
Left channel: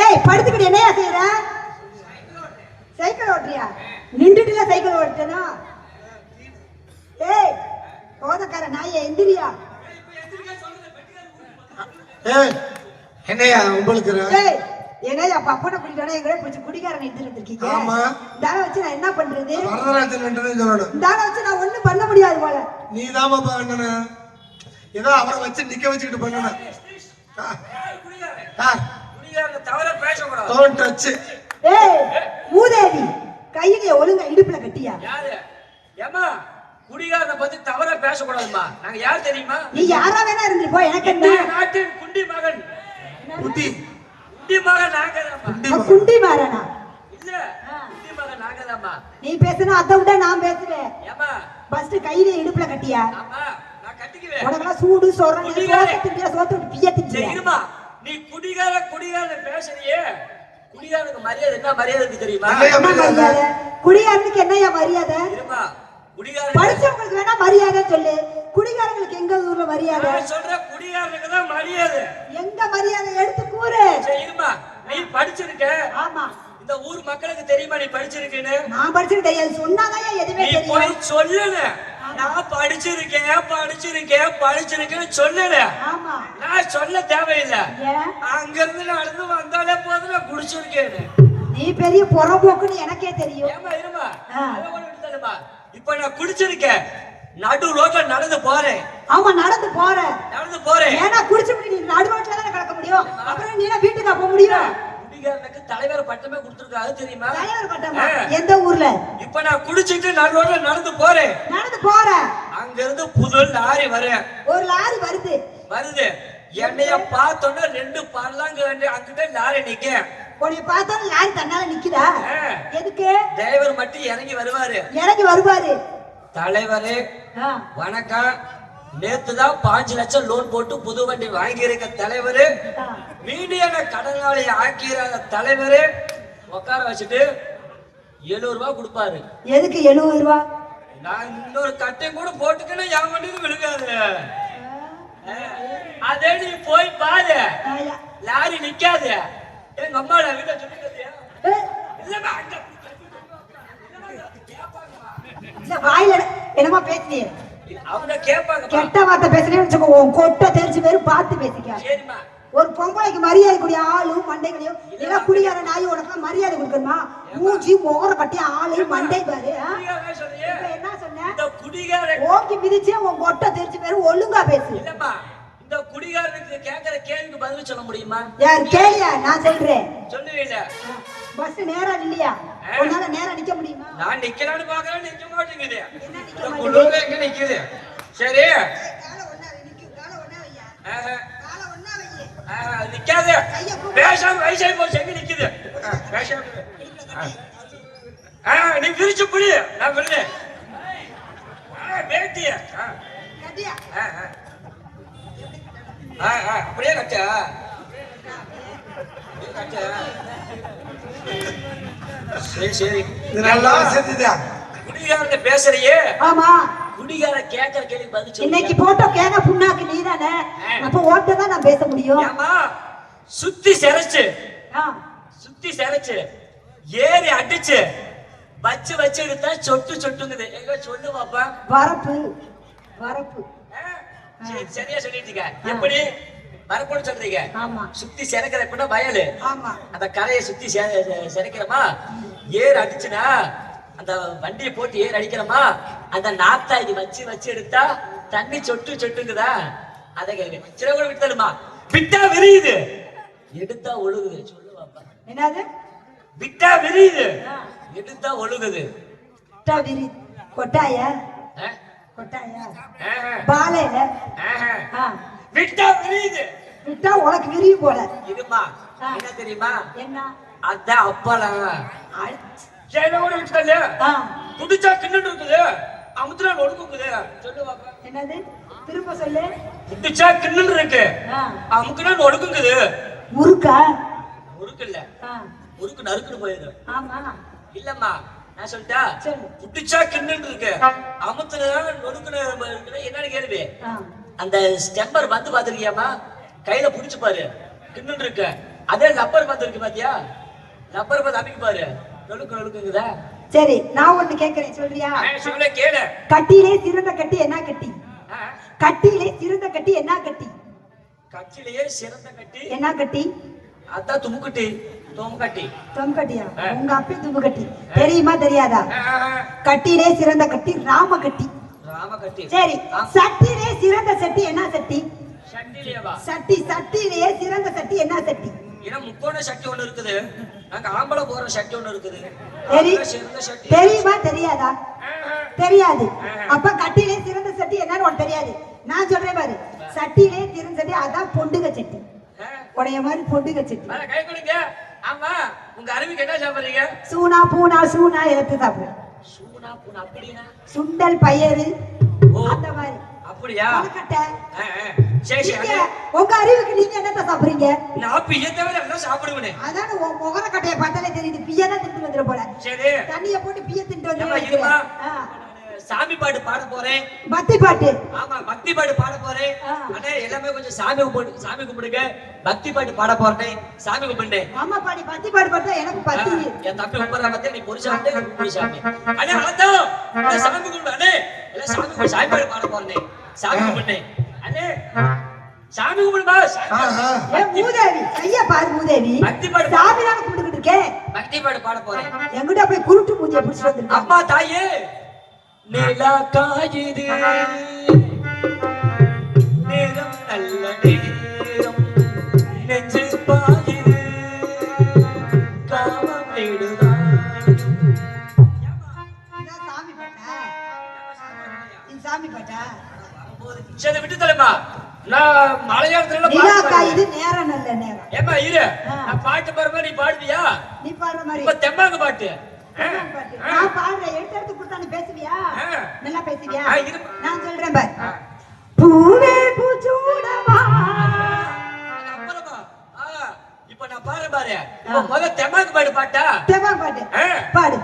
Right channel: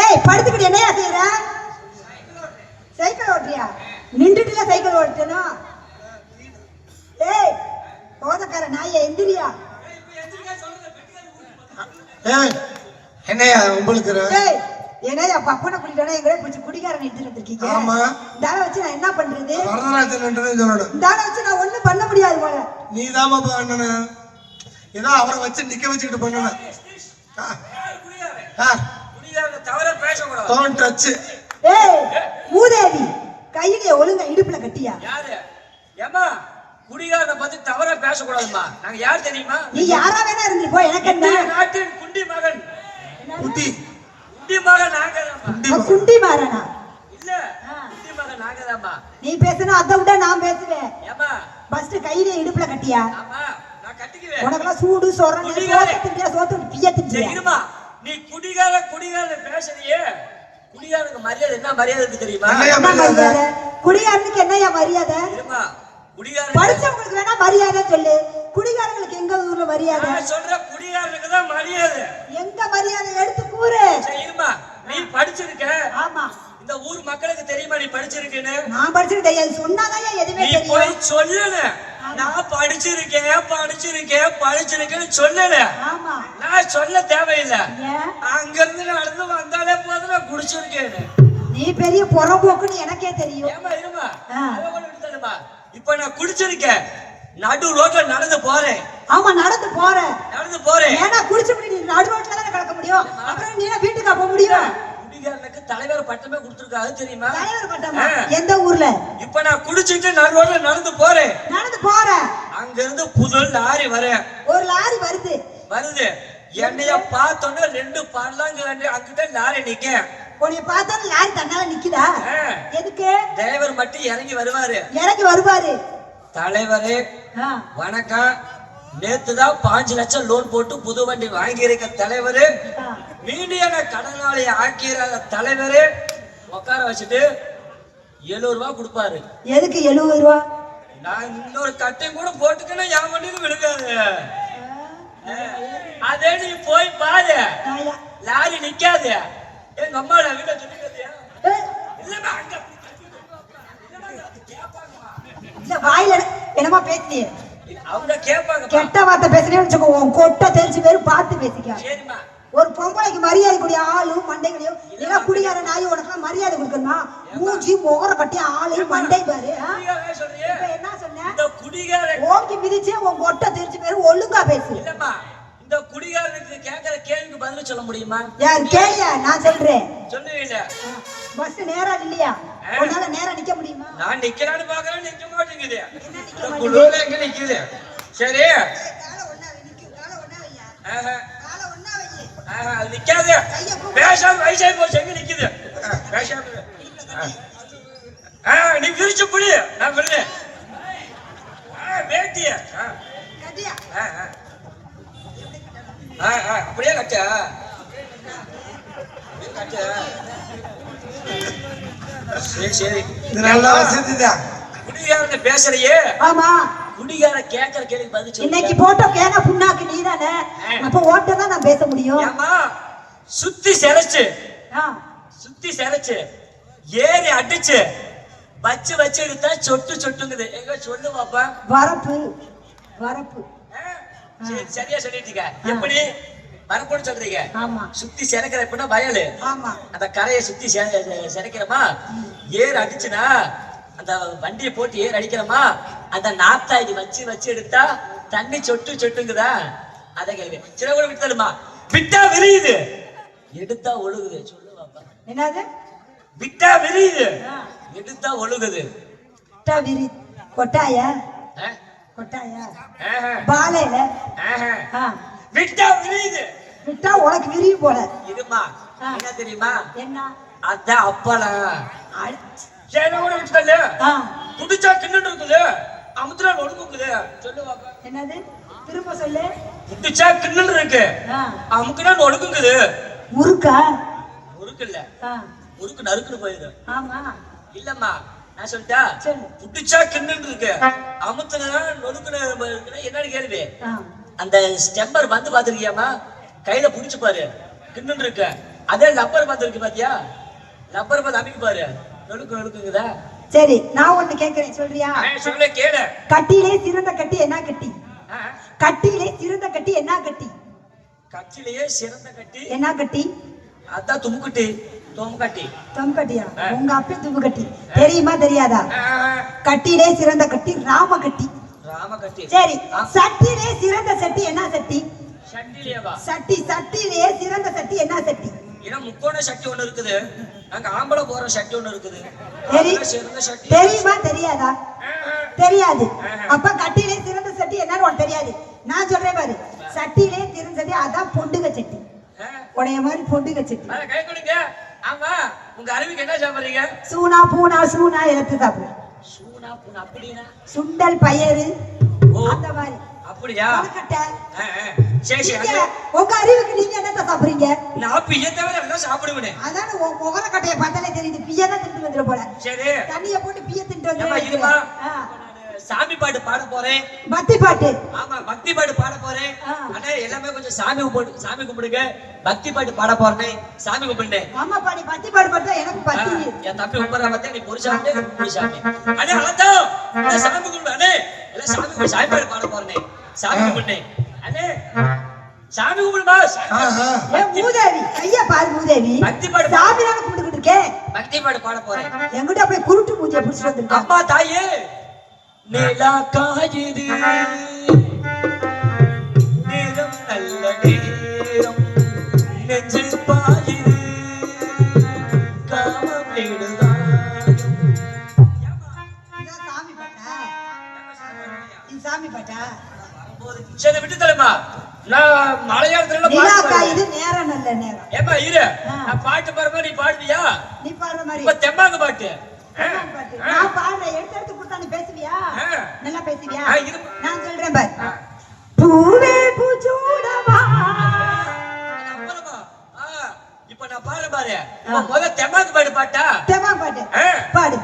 ஏய், படுத்துக்கிட்டு என்னையா செய்யற? சைக்கிள் ஓட்டுறியா? நின்றுட்டுல சைக்கிள் ஓட்டணும். ஏய், போதக்கார நாய எந்திரியா? என்னையா உங்களுக்கு? ஏய், என்னையா பப்பனை குடிட்டானா எங்களே பிடிச்சி குடிக்காரன் எடுத்துட்டு வந்திருக்கீங்க. ஆமா, தான வச்சு நான் என்ன பண்றது? வரதராஜன் சொல்லணும். தான வச்சு நான் ஒண்ணும் பண்ண முடியாது போல. நீ தாமா பண்ணணும். ஏதோ அவரை வச்சு நிக்க வச்சுக்கிட்டு பண்ணணும். Don't touch. ஏய், மூதேவி, கையில ஒழுங்கா இடுப்புல கட்டியா? யாரு? ஏமா, குடிகாரனை பத்தி தவறா பேசக்கூடாதுமா. நாங்க யார் தெரியுமா? நீ யாரா வேணா இருந்து போ, எனக்கு என்ன? நாட்டின் குண்டி மகன். குட்டி குண்டி மகன் நாங்க. குண்டி மாறனா? இல்ல, குண்டி மகன் நாங்கதாம்மா. நீ பேசுனா அதை விட நான் பேசுவேன். ஏமா, ஃபர்ஸ்ட் கையில இடுப்புல கட்டியா? ஆமா, நான் கட்டிக்குவேன். உனக்கு சூடு சொரணை சோத்து பிய திஞ்சியா? இருமா, நீ குடிகார பேசுறியே, குடிகாரனுக்கு மரியாதை என்ன மரியாதை இருக்கு தெரியுமா? என்ன மரியாதை? குடிகாரனுக்கு என்னையா மரியாதை? இருமா, குடிகாரன் படிச்சவங்களுக்கு வேணா மரியாதை சொல்லு, குடிகாரங்களுக்கு எங்க ஊர்ல மரியாதை? சொல்ற குடிகாரனுக்கு தான் மரியாதை. எங்க மரியாதை எடுத்து கூறு. இருமா, நீ படிச்சிருக்க. ஆமா, இந்த ஊர் மக்களுக்கு தெரியுமா நீ படிச்சிருக்கேன்னு? நான் படிச்சிருக்கேன் தெரியாது, சொன்னாதான் எதுவுமே தெரியும். போய் தெரியும். சொல்லுங்க, நான் படிச்சிருக்கேன்னு சொல்லுங்க. ஆமா, நான் சொல்ல தேவையில்லை. ஏன்? அங்க இருந்து நடந்து வந்தாலே போதும், நான் குடிச்சிருக்கேன்னு. நீ பெரிய புறம்போக்குன்னு எனக்கே தெரியும். ஏமா இருமா, இப்ப நான் குடிச்சிருக்கேன், நடு ரோட்ல நடந்து போறேன். ஆமா, நடந்து போறேன். ஏன்னா குடிச்சிட்டு நீ நடு ரோட்ல தானே கிடக்க முடியும், அப்புறம் நீ வீட்டுக்கு போக முடியும்? குடிகாரனுக்கு தலைவர் பட்டமே கொடுத்துருக்காரு தெரியுமா? தலைவர் பட்டமா? எந்த ஊர்ல? இப்ப நான் குடிச்சிட்டு நடு ரோட்ல நடந்து போறேன். அங்க இருந்து புது லாரி ஒரு லாரி வருது. என்னைய பார்த்தோன்னா 2 பல்லாங்கு அங்கிட்ட லாரி நிக்க. உன்னை பார்த்தா லாரி தன்னால நிக்குதா? எதுக்கு? டிரைவர் மட்டும் இறங்கி வருவாரு. தலைவரே வணக்கம், நேத்துதான் 5 லட்சம் லோன் போட்டு புது வண்டி வாங்கி இருக்க தலைவரு, மீடியான கடனாளி ஆக்கிற தலைவர் உட்கார வச்சுட்டு 70 ரூபாய் கொடுப்பாரு. எதுக்கு 70 ரூபா? நான் இன்னொரு தட்டை கூட போட்டுக்கிட்டு என் கொண்டு விழுக்காது. அதே நீ போய் பாரு, லாரி நிக்காது. எங்க அம்மா நான் வீட்டை சொல்லிட்டு வாயில என்னமா பேசிய அவங்க கேட்பாங்க. கெட்ட வார்த்தை பேசுறேன்னு உன் கொட்டை தெரிஞ்சு பேரும் பார்த்து பேசிக்க. சரிம்மா, ஒரு பொம்பளைக்கு மரியாதை கூடிய ஆளு மண்டைகளையும் எல்லாம் குடியார நாய் உனக்கு மரியாதை கொடுக்கணுமா? மூஞ்சி முகர கட்டி ஆளு மண்டை பாரு. என்ன சொன்ன? இந்த குடிகார ஓகே மிதிச்சே உன் கொட்டை தெரிஞ்சு பேரும் ஒழுங்கா பேசு. இல்லம்மா, இந்த குடிகாரனுக்கு கேட்கிற கேள்விக்கு பதில் சொல்ல முடியுமா? யார் கேளியா? நான் சொல்றேன். சொல்லுவீங்க. பஸ் நேரா இல்லையா? உன்னால நேரா நிக்க முடியுமா? நான் நிக்கலான்னு பாக்குறேன், நிக்க மாட்டேங்குது. குளிர்ல எங்க நிக்குது? சரி, நிக்காது. பேசாம வயசாகி போச்சு, எங்க நிக்குது? பேசாம நீ விரிச்சு புடி, நான் விடுறேன். பேட்டிய அப்படியே கட்ட சரி சரி. இது நல்லா செஞ்சுதான். குடிகாரன் பேசுறியே, ஆமா. குடிகார கேட்கிற கேள்வி பதில் சொல்லு. இன்னைக்கு போட்டோ கேன புண்ணாக்கு நீதானே, அப்ப ஓட்ட தான் நான் பேச முடியும். ஏமா சுத்தி செரைச்சு ஆ, சுத்தி செரைச்சு ஏறி அடிச்சு வச்சு வச்சு எடுத்தா சொட்டு சொட்டுங்குது. எங்க சொல்லு பாப்பா. வரப்பு வரப்பு. சரி, சரியா சொல்லிட்டீங்க. எப்படி வரப்புன்னு சொல்றீங்க? ஆமா சுத்தி செரைக்கிற எப்படின்னா வயலு, ஆமா. அந்த கரையை சுத்தி செரைக்கிறோமா, ஏர் அடிச்சுனா அந்த வண்டியை போட்டு ஏர் அடிக்கிறோமா, அந்த நாத்தா இது வச்சு வச்சு எடுத்தா தண்ணி சொட்டு சொட்டுங்குதா? அதை கேளுங்க. சில கூட விட்டாலுமா விட்டா விரியுது, எடுத்தா ஒழுகுது. சொல்லு பாப்பா. என்னது? விட்டா விரியுது, எடுத்தா ஒழுகுது. விட்டா விரி கொட்டாயா? ஆ? கொட்டாயா? ஆஹா. பாலையில. ஆஹா. ஆ, விட்டா விரியுது. விட்டா உனக்கு விரிவு போல. இதுமா என்ன தெரியுமா? என்ன? அதான் அப்பளா அடி. சேன கூட விட்டுல ஆ, புடிச்சா கிண்ணு இருக்குது, அமுத்துறா ஒடுக்குது. சொல்லு பாப்பா. என்னது? திரும்ப சொல்லு. புடிச்சா கிண்ணு இருக்கு, ஆ, அமுக்குனா ஒடுக்குது. முறுக்கா? முறுக்கு இல்ல, ஆ, முறுக்கு நறுக்குன்னு போயிடும். ஆமா. இல்லம்மா, நான் சொல்லிட்டா சரி. புடிச்சா கிண்ணு இருக்கு, அமுத்துனா ஒடுக்குன என்னன்னு கேள்வி. ஆ, அந்த ஸ்டெம்பர் வந்து பாத்துருக்கியாமா? கையில புடிச்சு பாரு, கிண்ணு இருக்கு. அதே லப்பர் பந்து இருக்கு பாத்தியா? லப்பர் பந்து அமைக்கு பாரு, நொழுக்கு நொழுக்குங்குதா? சரி, நான் ஒண்ணு கேக்குறேன், சொல்றியா? சொல்ல கேளு. கட்டியிலே சிறந்த கட்டி என்ன கட்டி? கட்டியிலே சிறந்த கட்டி என்ன கட்டி? கட்சியிலேயே சிறந்த கட்டி என்ன கட்டி? அதான் துமுக்கட்டி, தொங்கட்டி. தொங்கட்டியா? உங்க அப்பா தும்பு கட்டி தெரியுமா தெரியாதா? கட்டியிலே சிறந்த கட்டி ராம கட்டி. ராம கட்டி. சரி, சட்டியிலே சிறந்த சட்டி என்ன சட்டி? சட்டிலேவா? சட்டி. சட்டியிலே சிறந்த சட்டி என்ன சட்டி? ஏன்னா முக்கோண சட்டி ஒண்ணு இருக்குது, நாங்க ஆம்பளை போற சட்டி ஒண்ணு இருக்குது. சிறந்த சட்டி தெரியுமா தெரியாதா? தெரியாது. அப்ப கட்டியிலே சிறந்த சட்டி என்னன்னு உனக்கு தெரியாது. நான் சொல்றேன் பாரு, சட்டியிலே சிறந்த சட்டி அதான் பொண்டுக சட்டி. உடைய மாதிரி பொண்டுக சட்டி. கை கொடுங்க. ஆமா, உங்க அறிவுக்கு என்ன சாப்பிடுறீங்க? சூனா பூனா சூனா எடுத்து சாப்பிடுறேன். சூனா பூனா அப்படின்னா சுண்டல் பயறு அந்த மாதிரி. அப்படியா? கொழுக்கட்டை. சரி சரி. நீங்க, உங்க அறிவுக்கு நீங்க என்னத்த சாப்பிடுறீங்க? நான் பிய்ய தவிர எல்லாம் சாப்பிடுவேன். அதான் உன் முகரக்கட்டையை பார்த்தாலே தெரியுது, பிய்ய தான் தின்ட்டு வந்துட போல. சரி, தண்ணியை போட்டு பிய்ய தின்ட்டு ஏம்மா, இருமா. வந்து சாமி பாட்டு பாட போறேன். பக்தி பாட்டு. ஆமா, பக்தி பாட்டு பாட போறேன். அண்ணே எல்லாமே கொஞ்சம் சாமி கும்பிடுங்க. பக்தி பாட்டு பாட போறேன், சாமி கும்பிடுறேன். ஆமா பாடி பக்தி பாட்டு பார்த்தா எனக்கு பத்தி. என் தம்பி கும்பிடுறா பத்தி நீ பொருசாமி பொருசாமி. அண்ணே வளர்த்தோம், அண்ணே சாமி கும்பிடு. அண்ணே எல்லாம் சாமி கும்பிடு, சாமி பாட்டு பாட போறேன், சாமி கும்பிடுறேன். அண்ணே சாமி கும்பிடுமா? மூதேவி கைய பாரு, மூதேவி பக்தி பாடு. சாமி தான் கும்பிட்டுக்கிட்டு இருக்கேன். பக்தி பாட்டு பாட போறேன். எங்கிட்ட போய் குருட்டு மூஞ்சிய பிடிச்சிட்டு வந்துருக்கா. அம்மா தாயே, நிலா காயுது, நேரம் நல்ல நேரம், நெஞ்சு பாயுது, காமம் வீடுதான். சாமி பாட்டா? இது சாமி பாட்டா? சரி விட்டு தரமா, நான் மலையாளத்துல நிலா காயுது நேரம் நல்ல நேரம். ஏமா இரு, நான் பாட்டு பாடுறப்ப நீ பாடுவியா? நீ பாடுற மாதிரி இப்ப தெம்பாங்க பாட்டு. நான் பாடுறேன், எடுத்து கொடுத்தா நீ பேசுவியா? நல்லா பேசுவியா? இரு. நான் சொல்றேன் பாரு. பூவே பூச்சூடவா அப்புறமா பாரு முத தெம்மாக்கு பாடு பாட்டா தேவா பாட்டு பாடு.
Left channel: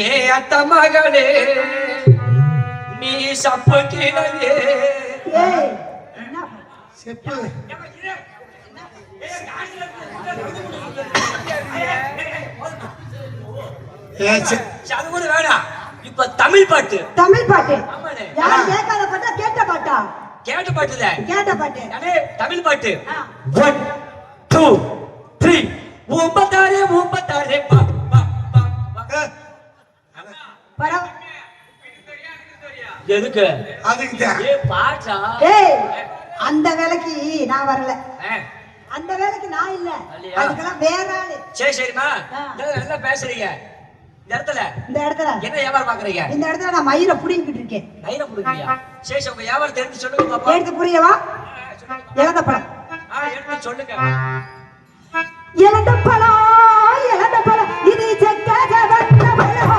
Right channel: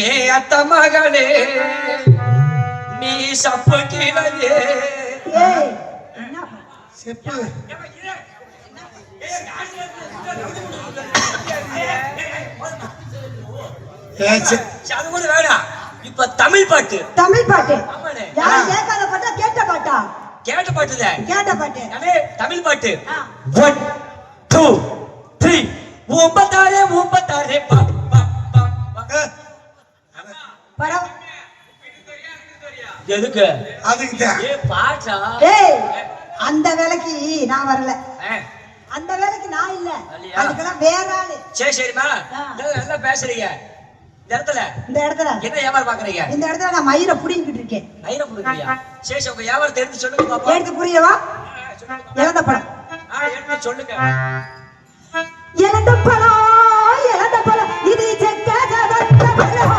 ஏ அத்த மகளே நீ சப்பு கீழே ஏய் என்ன செப்பு அது கூட வேணாம். இப்ப தமிழ் பாட்டு தமிழ் பாட்டு ஆமாண்ணே. யார் கேட்காத பாட்டா கேட்ட பாட்டா? கேட்ட பாட்டுல கேட்ட பாட்டு. தமிழ் பாட்டு 1 2 3 ஊம்பத்தாரே ஊம்பத்தாரே பா பா பா. படம். எதுக்கு அதுக்கு தான் ஏ பாட்டா ஏய் அந்த வேலைக்கு நான் வரல. ஆ, அந்த வேலைக்கு நான் இல்ல. இல்லையா? அதுக்கெல்லாம் வேற ஆளு. சரி சரிம்மா நல்லா பேசுறீங்க. இந்த இடத்துல இந்த இடத்துல என்ன வியாபாரம் பாக்குறீங்க? இந்த இடத்துல நான் மயிரை புடிங்கிட்டு இருக்கேன். மயிரை புடுங்கறியா? சரி உங்க வியாபாரத்தை எடுத்து சொல்லுங்க பாப்பா. எடுத்து புரியவா? இழந்த பழம். எடுத்து சொல்லுங்க. இழந்த பழம் இழந்த பழம் இது செக்காத வட்ட பழம்.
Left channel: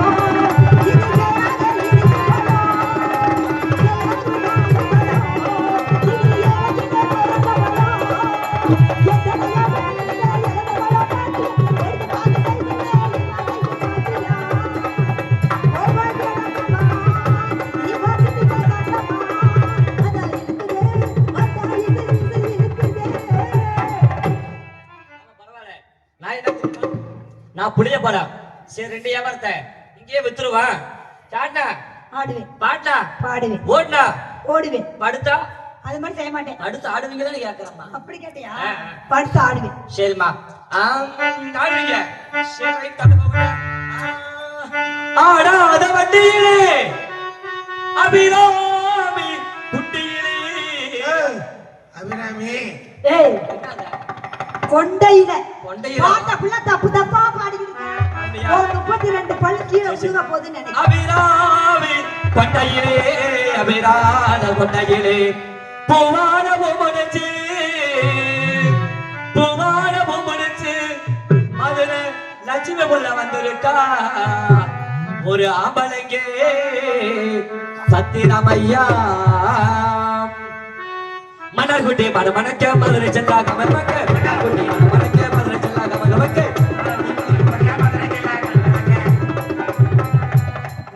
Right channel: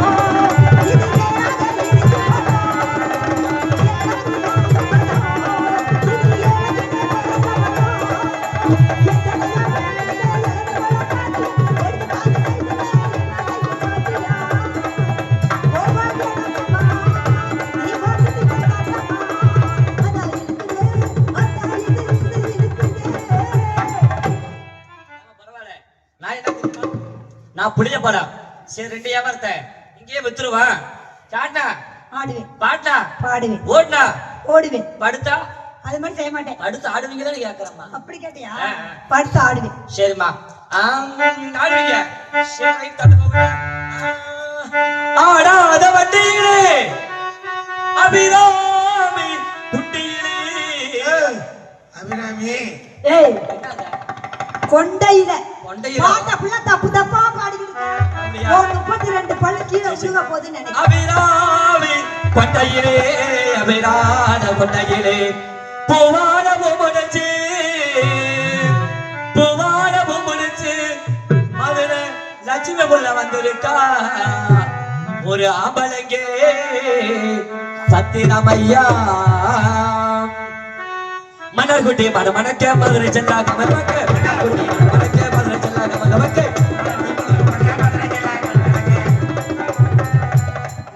இது கேளாத இனித்த பழம். இது இழந்த பரவாயில்ல. நான் என்ன தெரியுமா? நான் புளிய பழம் சரி 2 வியாபாரத்தை இங்கேயே வித்துருவான். காட்டா ஆடுவேன் பாட்டா பாடுவேன் ஓடுனா ஓடுவேன். படுத்தா அது மாதிரி செய்ய மாட்டேன். அடுத்து ஆடுவீங்களான்னு கேட்கறேம்மா. அப்படி கேட்டியா? ஆ. படுத்து ஆடுவேன். சரிம்மா ஆடுவீங்க. சரி தட்டு போங்க. ஆடாத வண்டியிலே அபிராமி குட்டியிலே அபிராமி ஏய் கொண்டையில கொண்டையில. பாட்ட புள்ள தப்பு தப்பா பாடிக்கிட்டு அப்படியா? 32 பல்லு கீழே விழுக போகுதுன்னு நினைக்கிறேன். அபிராமி கொண்டையிலே அபிரான கொண்டையிலே பூவான பூமுடிச்சு பூவான பூமுடிச்சு மதுரை லட்சுமி புள்ள வந்திருக்கா ஒரு ஆம்பளைங்கே சத்திரமையா மணக்குட்டி மணமணக்க மதுரை செல்லா கமலமக்க மணக்குட்டி மணமணக்க மதுரை செல்லா கமலமக்க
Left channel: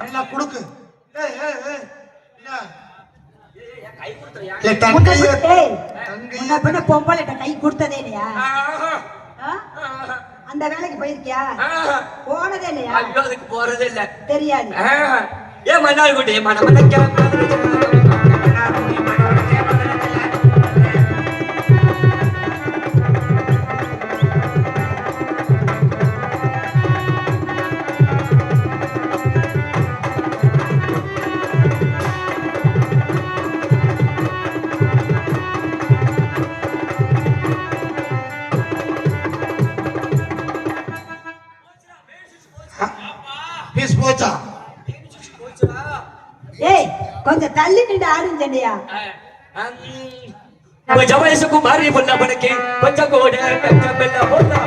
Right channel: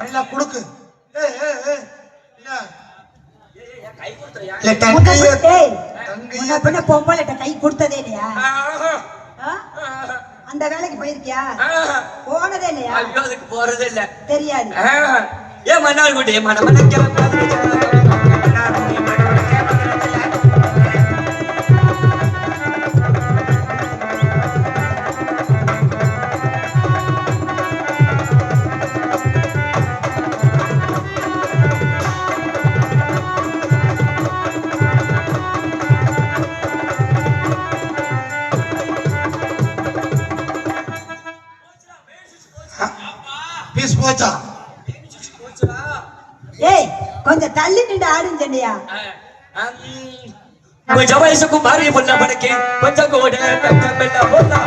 நல்லா குடுக்கு ஏய் ஏய் ஏய் என்ன கை கொடுத்துறியா? இல்ல தங்கையே ஏய் தங்கையே முன்ன பின்ன பொம்பளைட்ட கை கொடுத்ததே இல்லையா? ஆ? அந்த வேலைக்கு போயிருக்கியா? போனதே இல்லையா? ஐயோ அதுக்கு போறது இல்ல. தெரியாது. ஏ மன்னார்குடி மணமணக்க மதுரை செல்லா பீஸ் போச்சா ஏய் கொஞ்சம் தள்ளி நின்று ஆடுன்னு சொன்னியா? கொஞ்சம் வயசுக்கு மாறி பொண்ண படக்கே கொஞ்சம் கூட வெக்கமில்ல போனா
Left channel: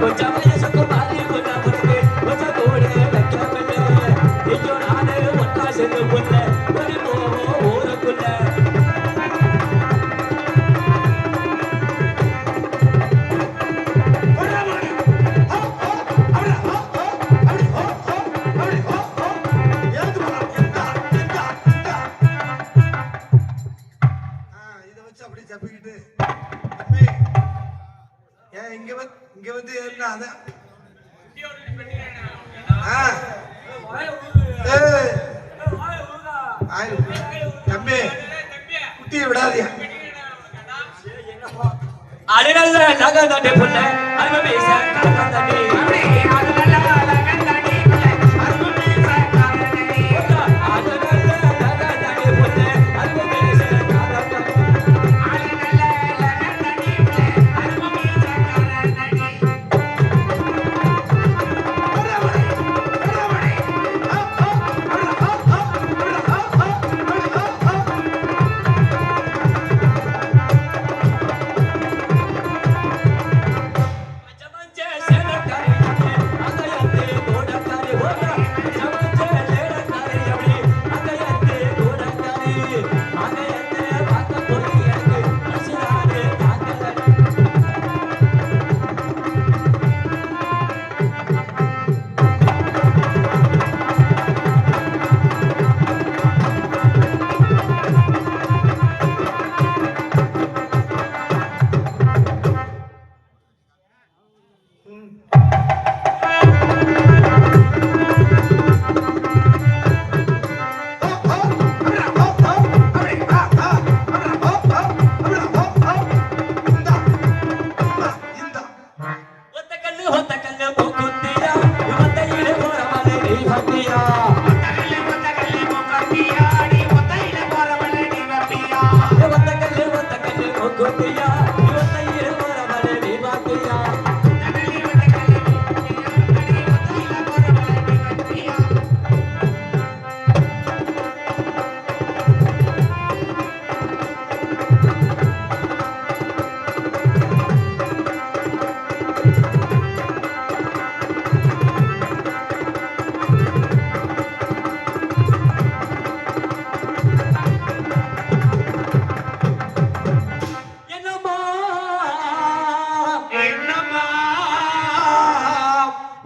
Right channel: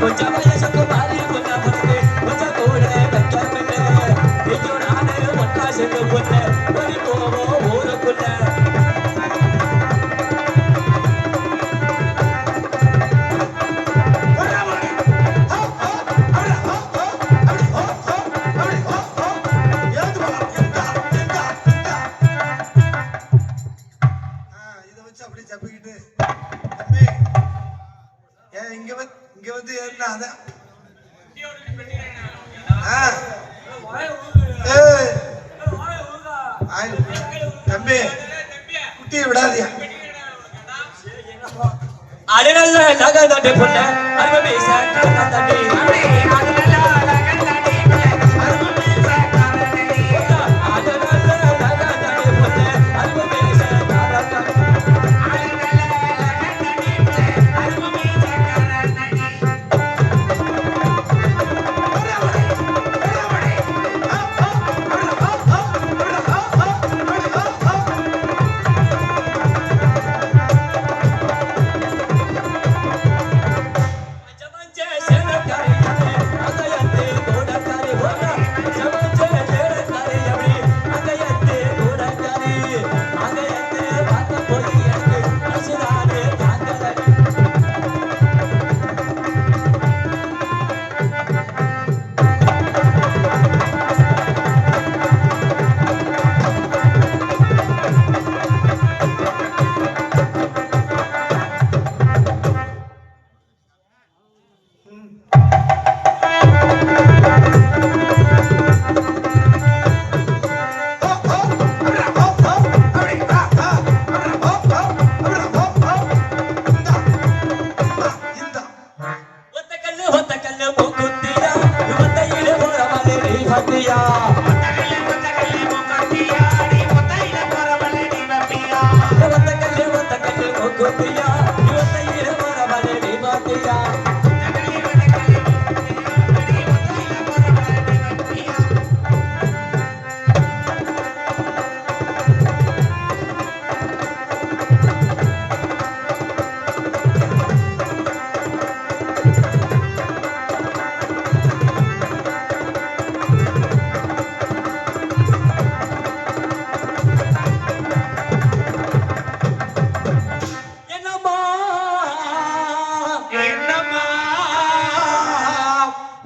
கொஞ்சம் வயசுக்கு மாறி பொண்ண படக்கே கொஞ்சம் கூட வெக்கமில்ல ஐயோ நானே ஒன்னா சென்று பொண்ண ஒரு போவோ ஊருக்குள்ள இதை வச்சு அப்படியே தப்பிக்கிட்டு தம்பி, ஏன் இங்க வந்து ஏறினா அதான் ஏய் தம்பி குட்டி விடாதியா அடனல்ல நகை தட்டை பொண்ண அங்க பேச தட்டை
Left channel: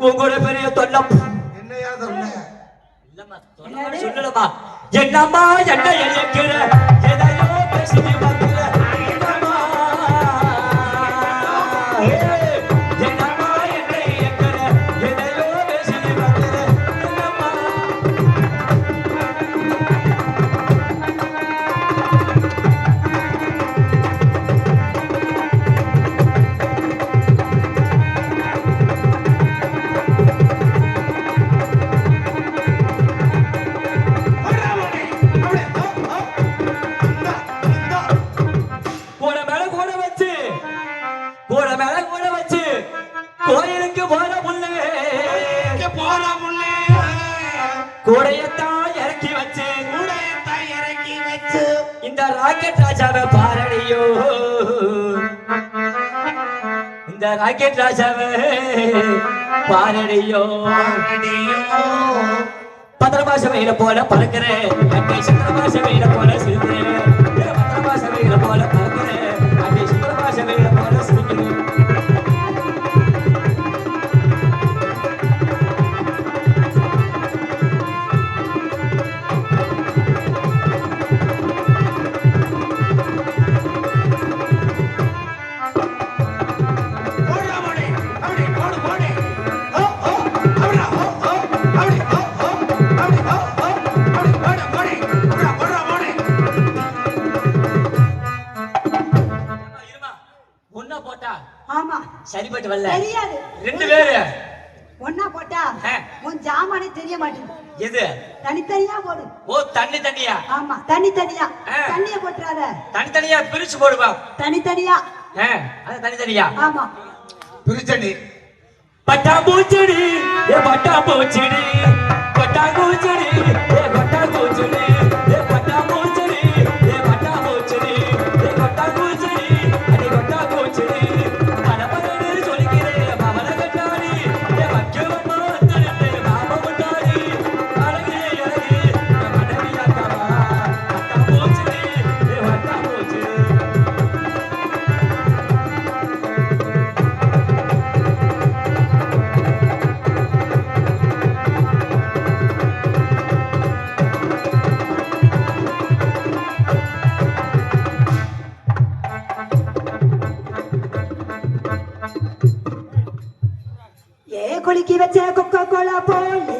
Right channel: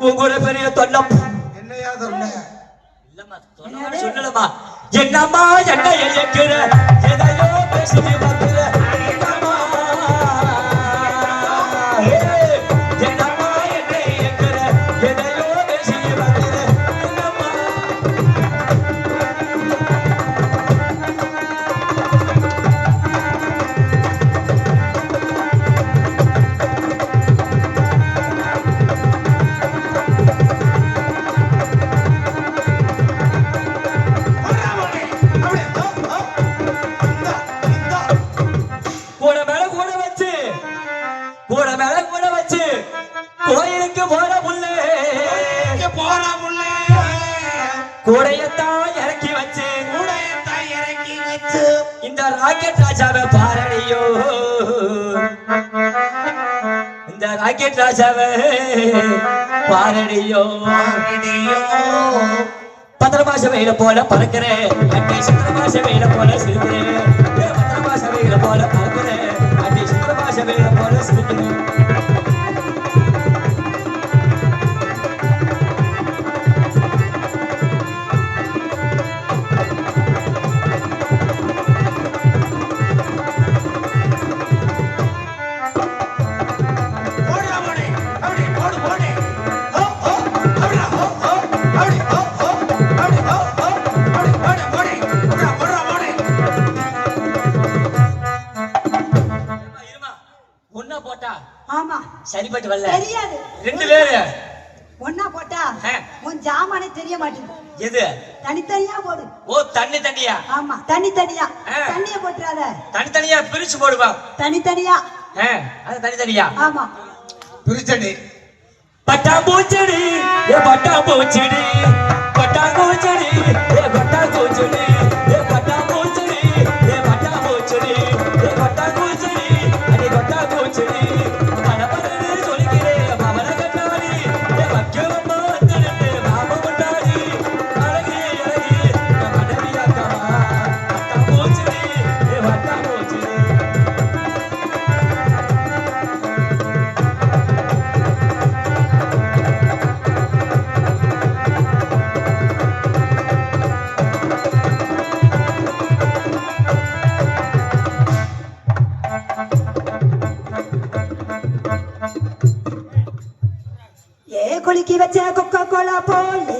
உங்களோட பெரிய தொல்லை என்னையா சொன்ன இல்லம்மா தொல்லை சொல்லலம்மா என்னம்மா என்ன எழுக்கிற எதையோ பேசிட்டு பார்க்கிற என்னம்மா என்னம்மா என்ன எழுக்கிற எதையோ பேசிட்டு பார்க்கிற என்னம்மா கூட மேல கூட வச்சு கோயிலுக்கு போற புள்ளே கூடையத்தான் இறக்கி வச்சு இந்த ராக்கெட் ராஜாவை பாரடியோ இந்த ராக்கெட் ராஜாவை பாரடியோ பத்திரமாச வெயில போல பறக்கிறேன் அட்டி சுத்திரமாச வெயில போல சிரிக்கிறேன் பத்திரமாச வெயில போல பறக்கிறேன் அட்டி சுத்திரமாச வெயில போல சிரிக்கிறேன் ஒன்னா போட்டா ஆமா சரிப்பட்டு வரல தெரியாது. ரெண்டு பேரு ஒன்னா போட்டா ஆ. உன் ஜாமானே தெரிய மாட்டேங்குது. எது தனித்தனியா போடு. ஓ தனியா ஆமா தனித்தனியா. ஆ. தண்ணிய போட்டுறாத. தனியா பிரிச்சு போடுவா தனித்தனியா. அது தனியா ஆமா பிரிச்சடி பட்டாம்பூச்செடி ஏ பட்டாம்பூச்செடி பட்டாம்பூச்செடி ஏ பட்டாம்பூச்செடி ஏ பட்டாம்பூச்செடி ஏ பட்டாம்பூச்செடி ஏ பட்டாம்பூச்செடி அடி பட்டாம்பூச்செடி மனமரடி சொல்கிறேன் மமன கண்ணாடி ஏ வக்கியம்மா வந்தே மாம கொண்டாடி அழகே அழகே மனதியாக்கமா பட்டாம்பூச்செடி ஏ பட்டாம்பூச்செடி ஏ குலுக்கி வச்ச கொக்கோ கோலா போலே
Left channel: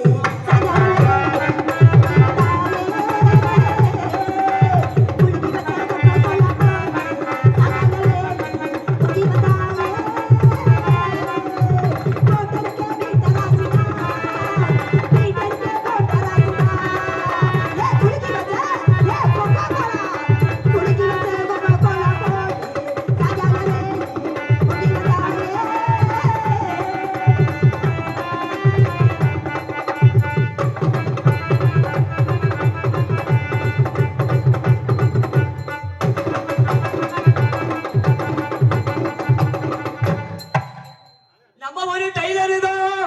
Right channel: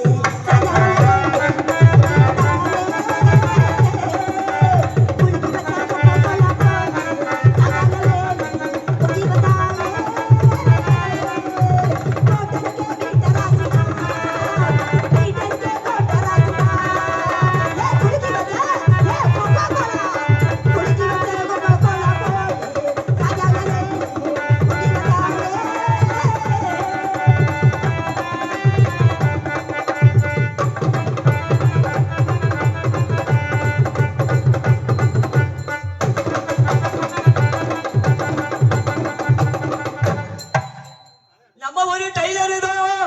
நம்ம ஒரு டைலர் தான்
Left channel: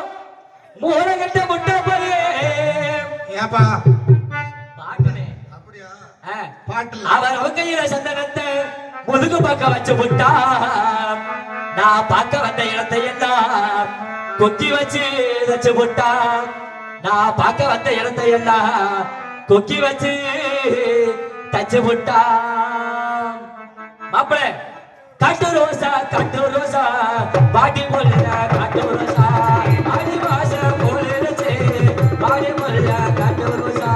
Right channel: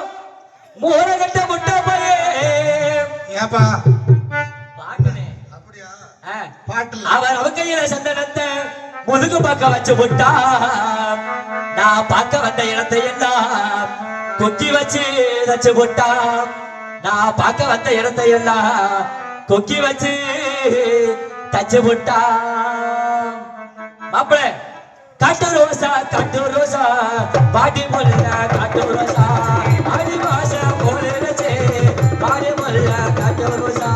மூலகட்ட முட்டை போய் ஏப்பா பாட்டுனே அப்படியா ஆ. பாட்டுல அவர் அவ கையில சந்தனத்தை முதுகு பார்க்க வச்சு விட்டா நான் பார்க்க வந்த இடத்தை எல்லாம் கொக்கி வச்சு வச்சு விட்டா நான் பார்க்க வந்த இடத்தை எல்லாம் கொக்கி வச்சு தச்சு விட்டா மாப்பிள காட்டு ரோசா பாட்டி போல காட்டு ரோசா ஆடி மாச போலச்சே பாடி போல காட்டு ரோசா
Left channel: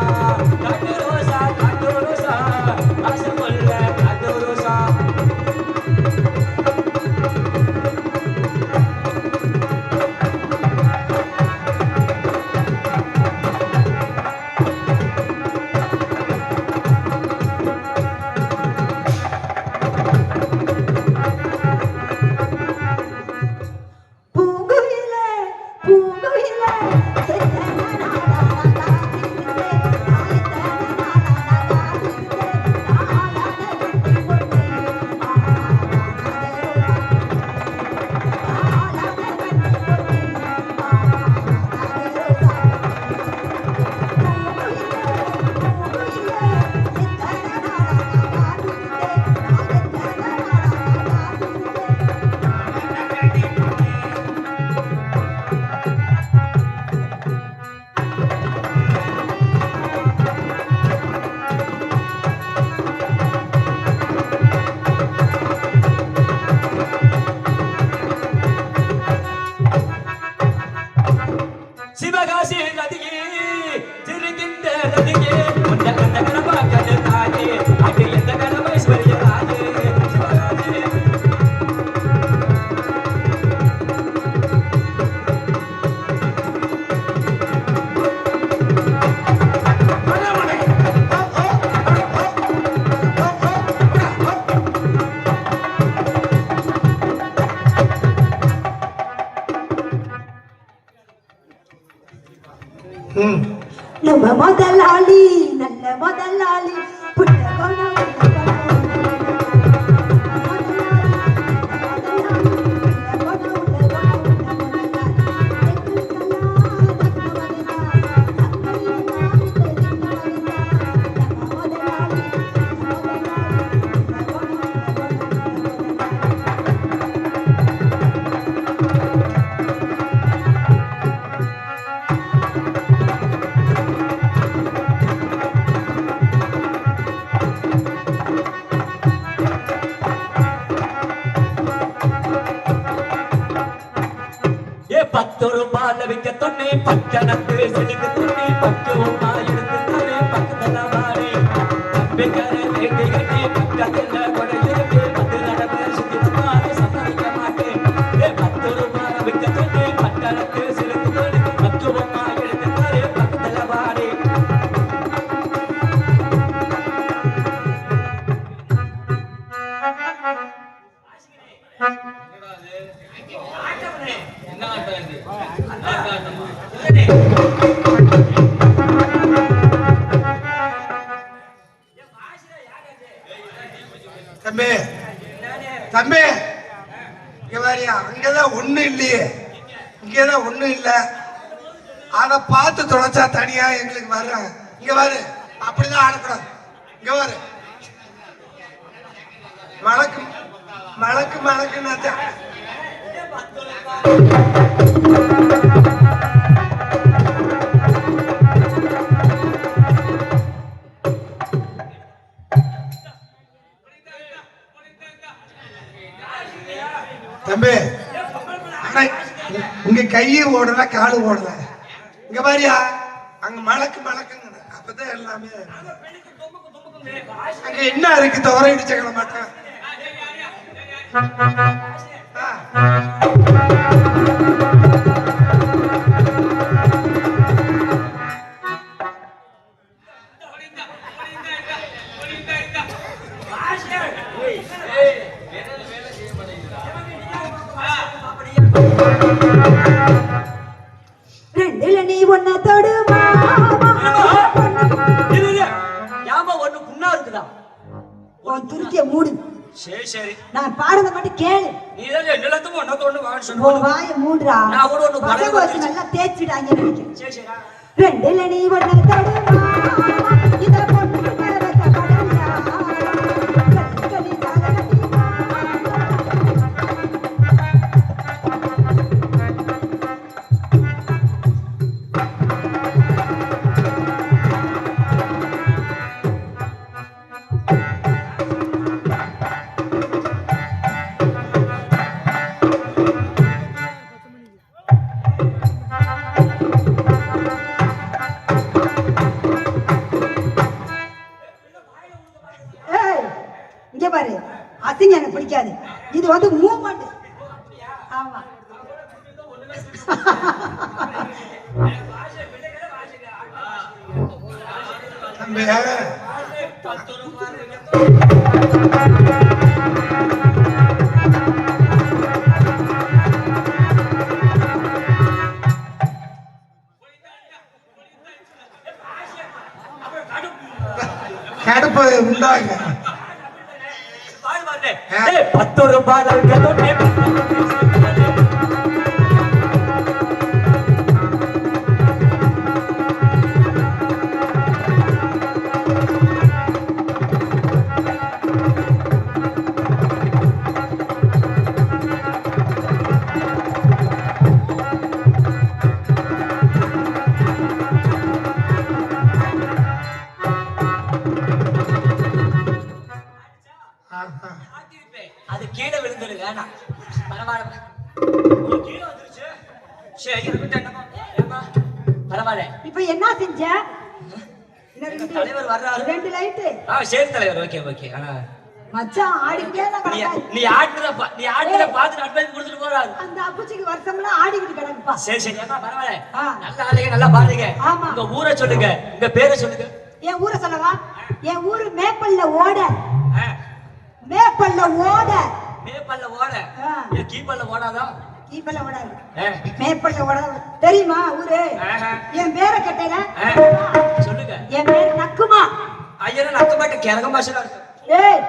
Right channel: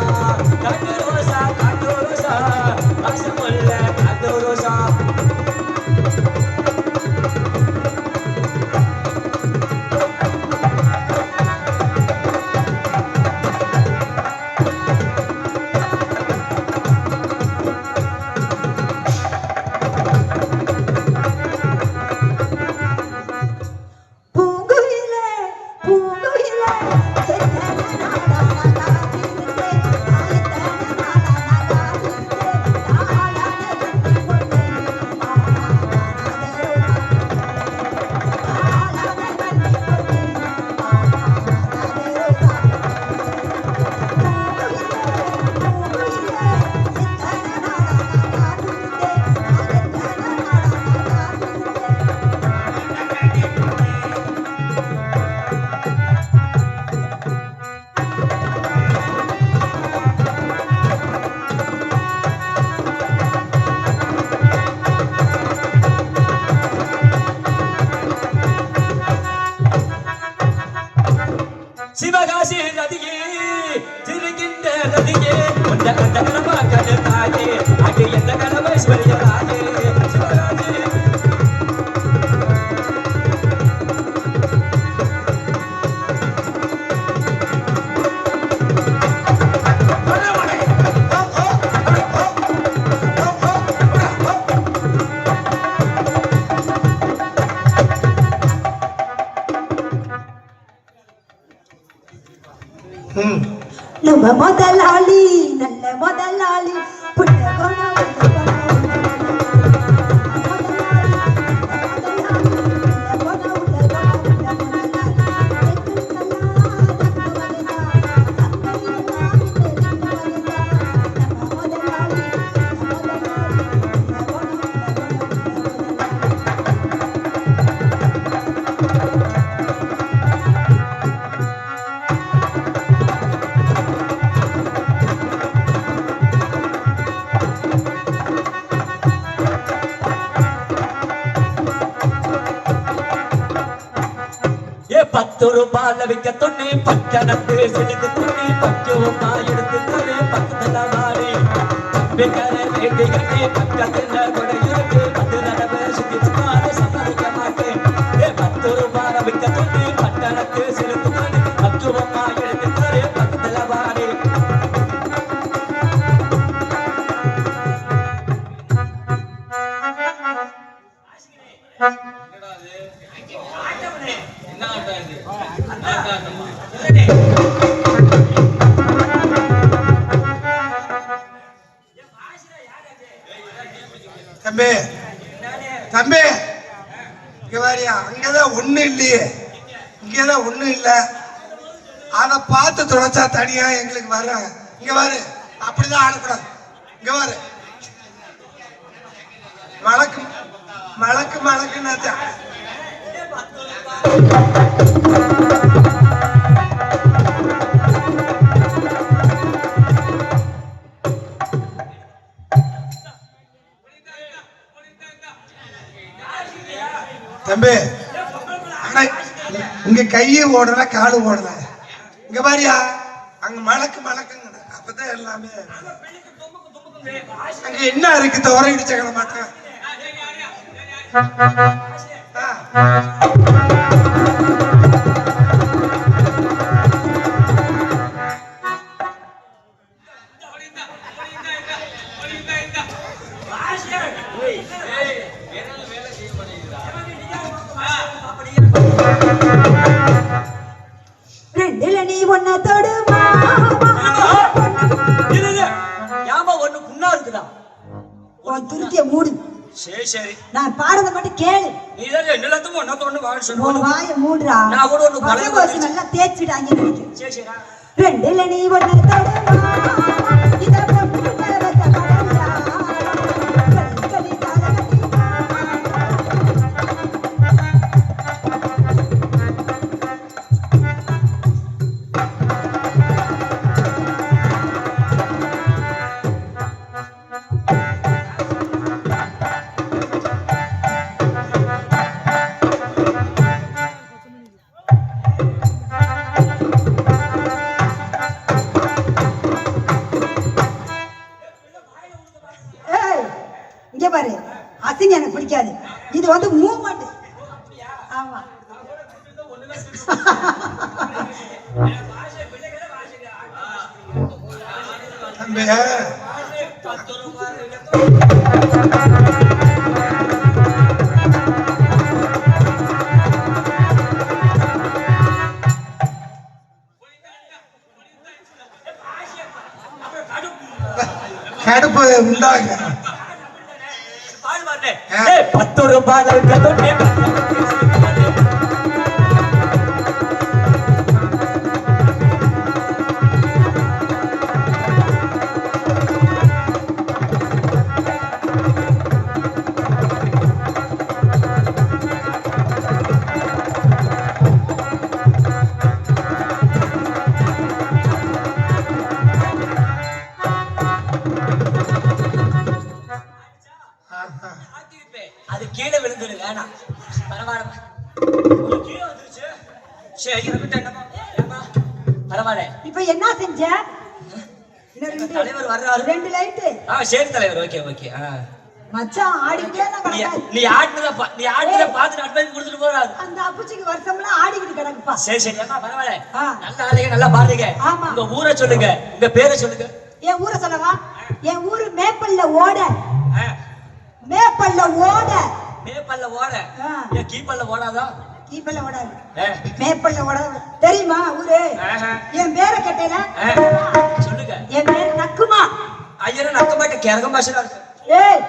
ஆசி போல காட்டு ரோசா ம். நம்ம முதலாளி நல்ல முதலாளி புத்தகமா ஏ 10 ரூபாய் விக்க தொண்ணி பக்கணத்து சிலுக்கு தொண்ணி பத்து ரூபாய் எடுத்து தொண்ணி பக்கத்துல மாறி விக்கற வேட்டி கட்டி பக்கத்துல கொடையிட்டு 10 தடவை சுத்தி சுமார சம்மதிக்க மாட்டேன் ஏ 10 ரூபாய் விக்க தொண்ணி பக்கணத்து சிலுக்கு தொண்ணி 10 ரூபாய் எடுத்து தொண்ணி பக்கத்துல மாறி என்ன ஆட்டம் இது? ஆட்டம். தம்பி தம்பி இங்க வாரியா அங்கதான் ஒண்ணு இல்லையே இங்கதான் ஒண்ணு இல்ல அத பார்த்து தொலைச்சா தனியா எங்களுக்கு வர இங்க வாரு அப்படிதான் ஆடக்கூடாது இங்க வாரு மழக்கு மழக்கு மழக்குன்னு தம்பி அண்ணா, இங்க கையை ஓடல காலு ஓடல இங்க பாரியா அங்க மழக்கு மழக்குன்னு அப்பதான் எல்லாமே அங்க என்ன இருக்கு தவற இடிச்சக்கல மாட்டேன் ரெண்டுல நீ ஒன்ன தொடுமா ஏமா ஒண்ணு புண்ணா இருக்குதா உன் துருத்திய மூடு சரி சரி நான் பாடுறத மட்டும் கேளு நீ தான் நிலத்துக்கும் ஒன்னத்தோடு வாழ் உன் சொல்லு வாய மூடுறா நான் கூட ஒண்ணு பசங்க வச்சு நல்லா தேய்ச்சிடாங்க நினைக்கிறேன் சரி சரி ரெண்டுல நீ ஒன்ன தொடுமா இத பொண்ணு கிட்ட வைக்க மாட்டியா கலி ஏய் இங்க பாரு அசிங்க எனக்கு பிடிக்காது இது வந்து மூவ்மெண்ட் ஆமா தம்பி கடுப்பு உண்டாங்க பாடு பாருங்க ஏய் 10 ரூபாய் தொண்ணி அது கீழே விழுந்துரு வேணாம் பரவாயில்ல கீழே வந்துருச்சு சரி இருக்கட்டும் என்னப்பா பரவாயில்ல இப்ப என்ன செஞ்ச தலைவர் வர்றாரு. 2 லைட்டு சரி தலைவர் ஓகே ஓகே மச்சான் ஆடிக்கிட்டே தான் கிடக்கு. நீ ஆடுனத பார்த்து அட்வைஸ் கொடுத்துட்டு போறாரு அந்த அப்புச்சிக்கு வருஷம்லாம் ஆடிக்கிட்டு கிடக்குப்பா சரி சரி அம்மா பரவாயில்ல ஆ. நல்லா ஆடுங்க நல்லா பாடுங்க ஆமா. உங்க ஊரை சொல்லுங்க உங்க பேரை சொல்லுங்க என் ஊரை சொல்லவா என் ஊரு மேப்பல்ல ஓட மேப்பல்ல ஓட மேப்பல்ல ஓட ஆ. ஏன் கீப்பல்ல ஓடாதா கீப்பல்ல ஓடாது ஆ, மேப்பல்ல ஓடாது தெரியுமா ஊரு ஆஹா. என் பேரை கேட்டேல ஆ, சொல்லுங்க என் பேர் நக்குமா ஐயா நக்க மாட்டேன் கேட்க மாட்டேன் ஏய்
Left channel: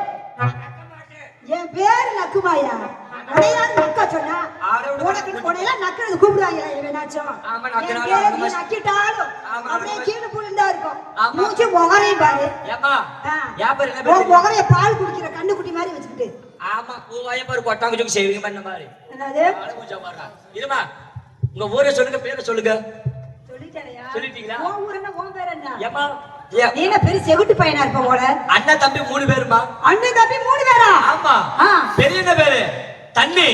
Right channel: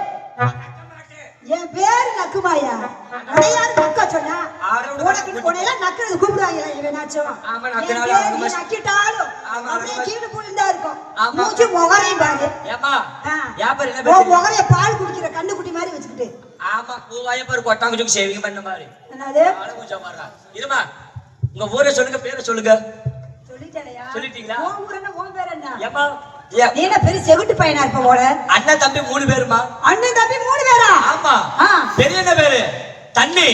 என் பேர் நக்குமாயா உடையாரு நக்க சொன்ன உனக்கு உடையெல்லாம் நக்கிறது கூப்பிடுவாங்க இவனாச்சும் ஆமா, என் நக்கினாலும் பேர் நக்க நீ மாட்டேன். நக்கிட்டாலும் ஆமா, அப்படியே ஆமா. கீழே புழுந்தா இருக்கும் ஆமா. மூச்சு முகரையும் பாரு ஏமா ஆ. வியாபாரம் என்ன உன் பேசுறீங்க? முகரைய பால் குடிக்கிற கண்ணுக்குட்டி மாதிரி வச்சுக்கிட்டு ஆமா உன் வாயப்பாரு கொட்டாங்குச்சுக்கு சேவிங் பண்ண மாதிரி என்னது கொஞ்சம் பாருடா. இருமா உங்க ஊரை சொல்லுங்க பேரை சொல்லுங்க சொல்லிட்டேனையா சொல்லிட்டீங்களா? உன் ஊர் என்ன உன் பேர் என்ன ஏமா நீ என்ன பெரிய செவிட்டு பையனா இருப்ப போல அண்ணன் தம்பி 3 பேருமா அண்ணன் தம்பி 3 பேரா ஆமா ஆ. பெரிய என்ன பேரு தண்ணி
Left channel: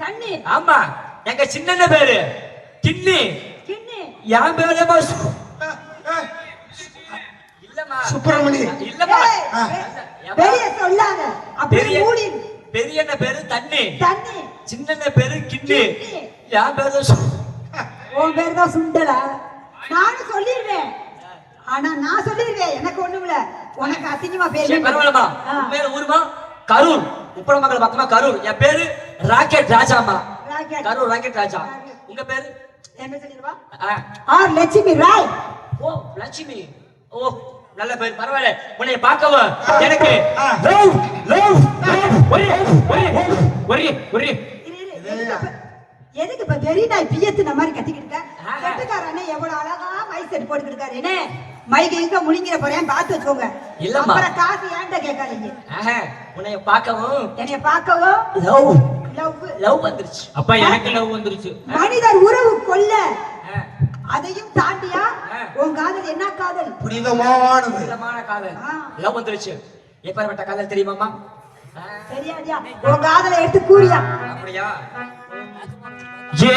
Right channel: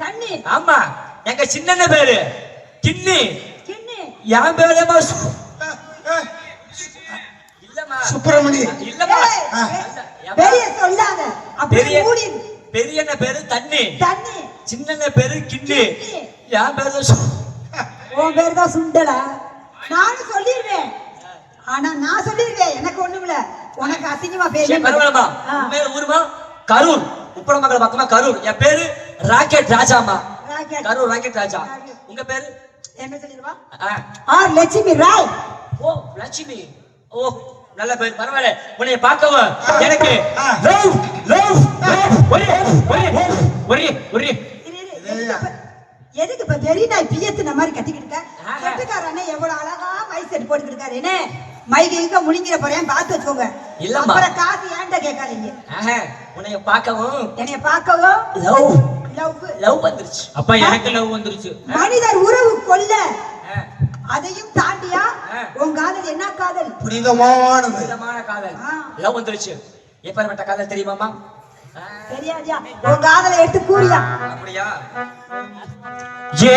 தண்ணி ஆமா எங்க சின்ன பேரு கிண்ணி கிண்ணி என் பேரு இல்லம்மா சுப்பிரமணி இல்லம்மா ஏய், பெரிய சொல்லாத அப்படி பெரிய மூடி பெரிய என்ன பேரு தண்ணி தண்ணி சின்ன பேரு கிண்ணி கிண்ணி. என் பேரு உன் பேர் தான் சுண்டலா நானும் சொல்லிடுவேன் ஆனா நான் சொல்லிடுவேன் எனக்கு ஒண்ணுமில்ல உனக்கு அசிங்கமா பேரு பரவாயில்லமா உன் பேரு ஊருமா கரூர் உப்பள மக்கள் பக்கமா கரூர் என் பேரு rocket Rajama rocket. Karur rocket ராஜா உங்க பேரு எங்க சொல்லிடுவா ஆ. லட்சுமி ராய் ஓ லட்சுமி ஓ நல்ல பேர் பரவாயில்ல உன்னை பார்க்கவும் எனக்கு லவ் லவ் ஒரே ஒரே ஒரே ஒரே இரு, எதுக்கு இப்ப வெறி நாய் பியத்துன மாதிரி கத்திக்கிட்டு செட்டுக்காரனே எவ்வளவு அழகா மைக் செட் போட்டுக்கிட்டு என்ன மைக் எங்க முழுங்கிற போறேன் பார்த்து வச்சுக்கோங்க இல்லம்மா. அப்புறம் காசு ஏன்ட்ட கேட்காதீங்க ஆஹா உன்னை பார்க்கவும் என்னைய பார்க்கவும் லவ் லவ் லவ் வந்துருச்சு அப்பா எனக்கு லவ் வந்துருச்சு மனிதர் உறவு கொல்ல ஆ. அதையும் தாண்டியா உன் காதல் என்ன காதல் புனிதமானது விதமான காதல் ஆ. லவ் வந்துருச்சு எப்பேற்பட்ட காதல் தெரியுமாமா தெரியாதியா உன் காதலை எடுத்து கூறியா அப்படியா ஏ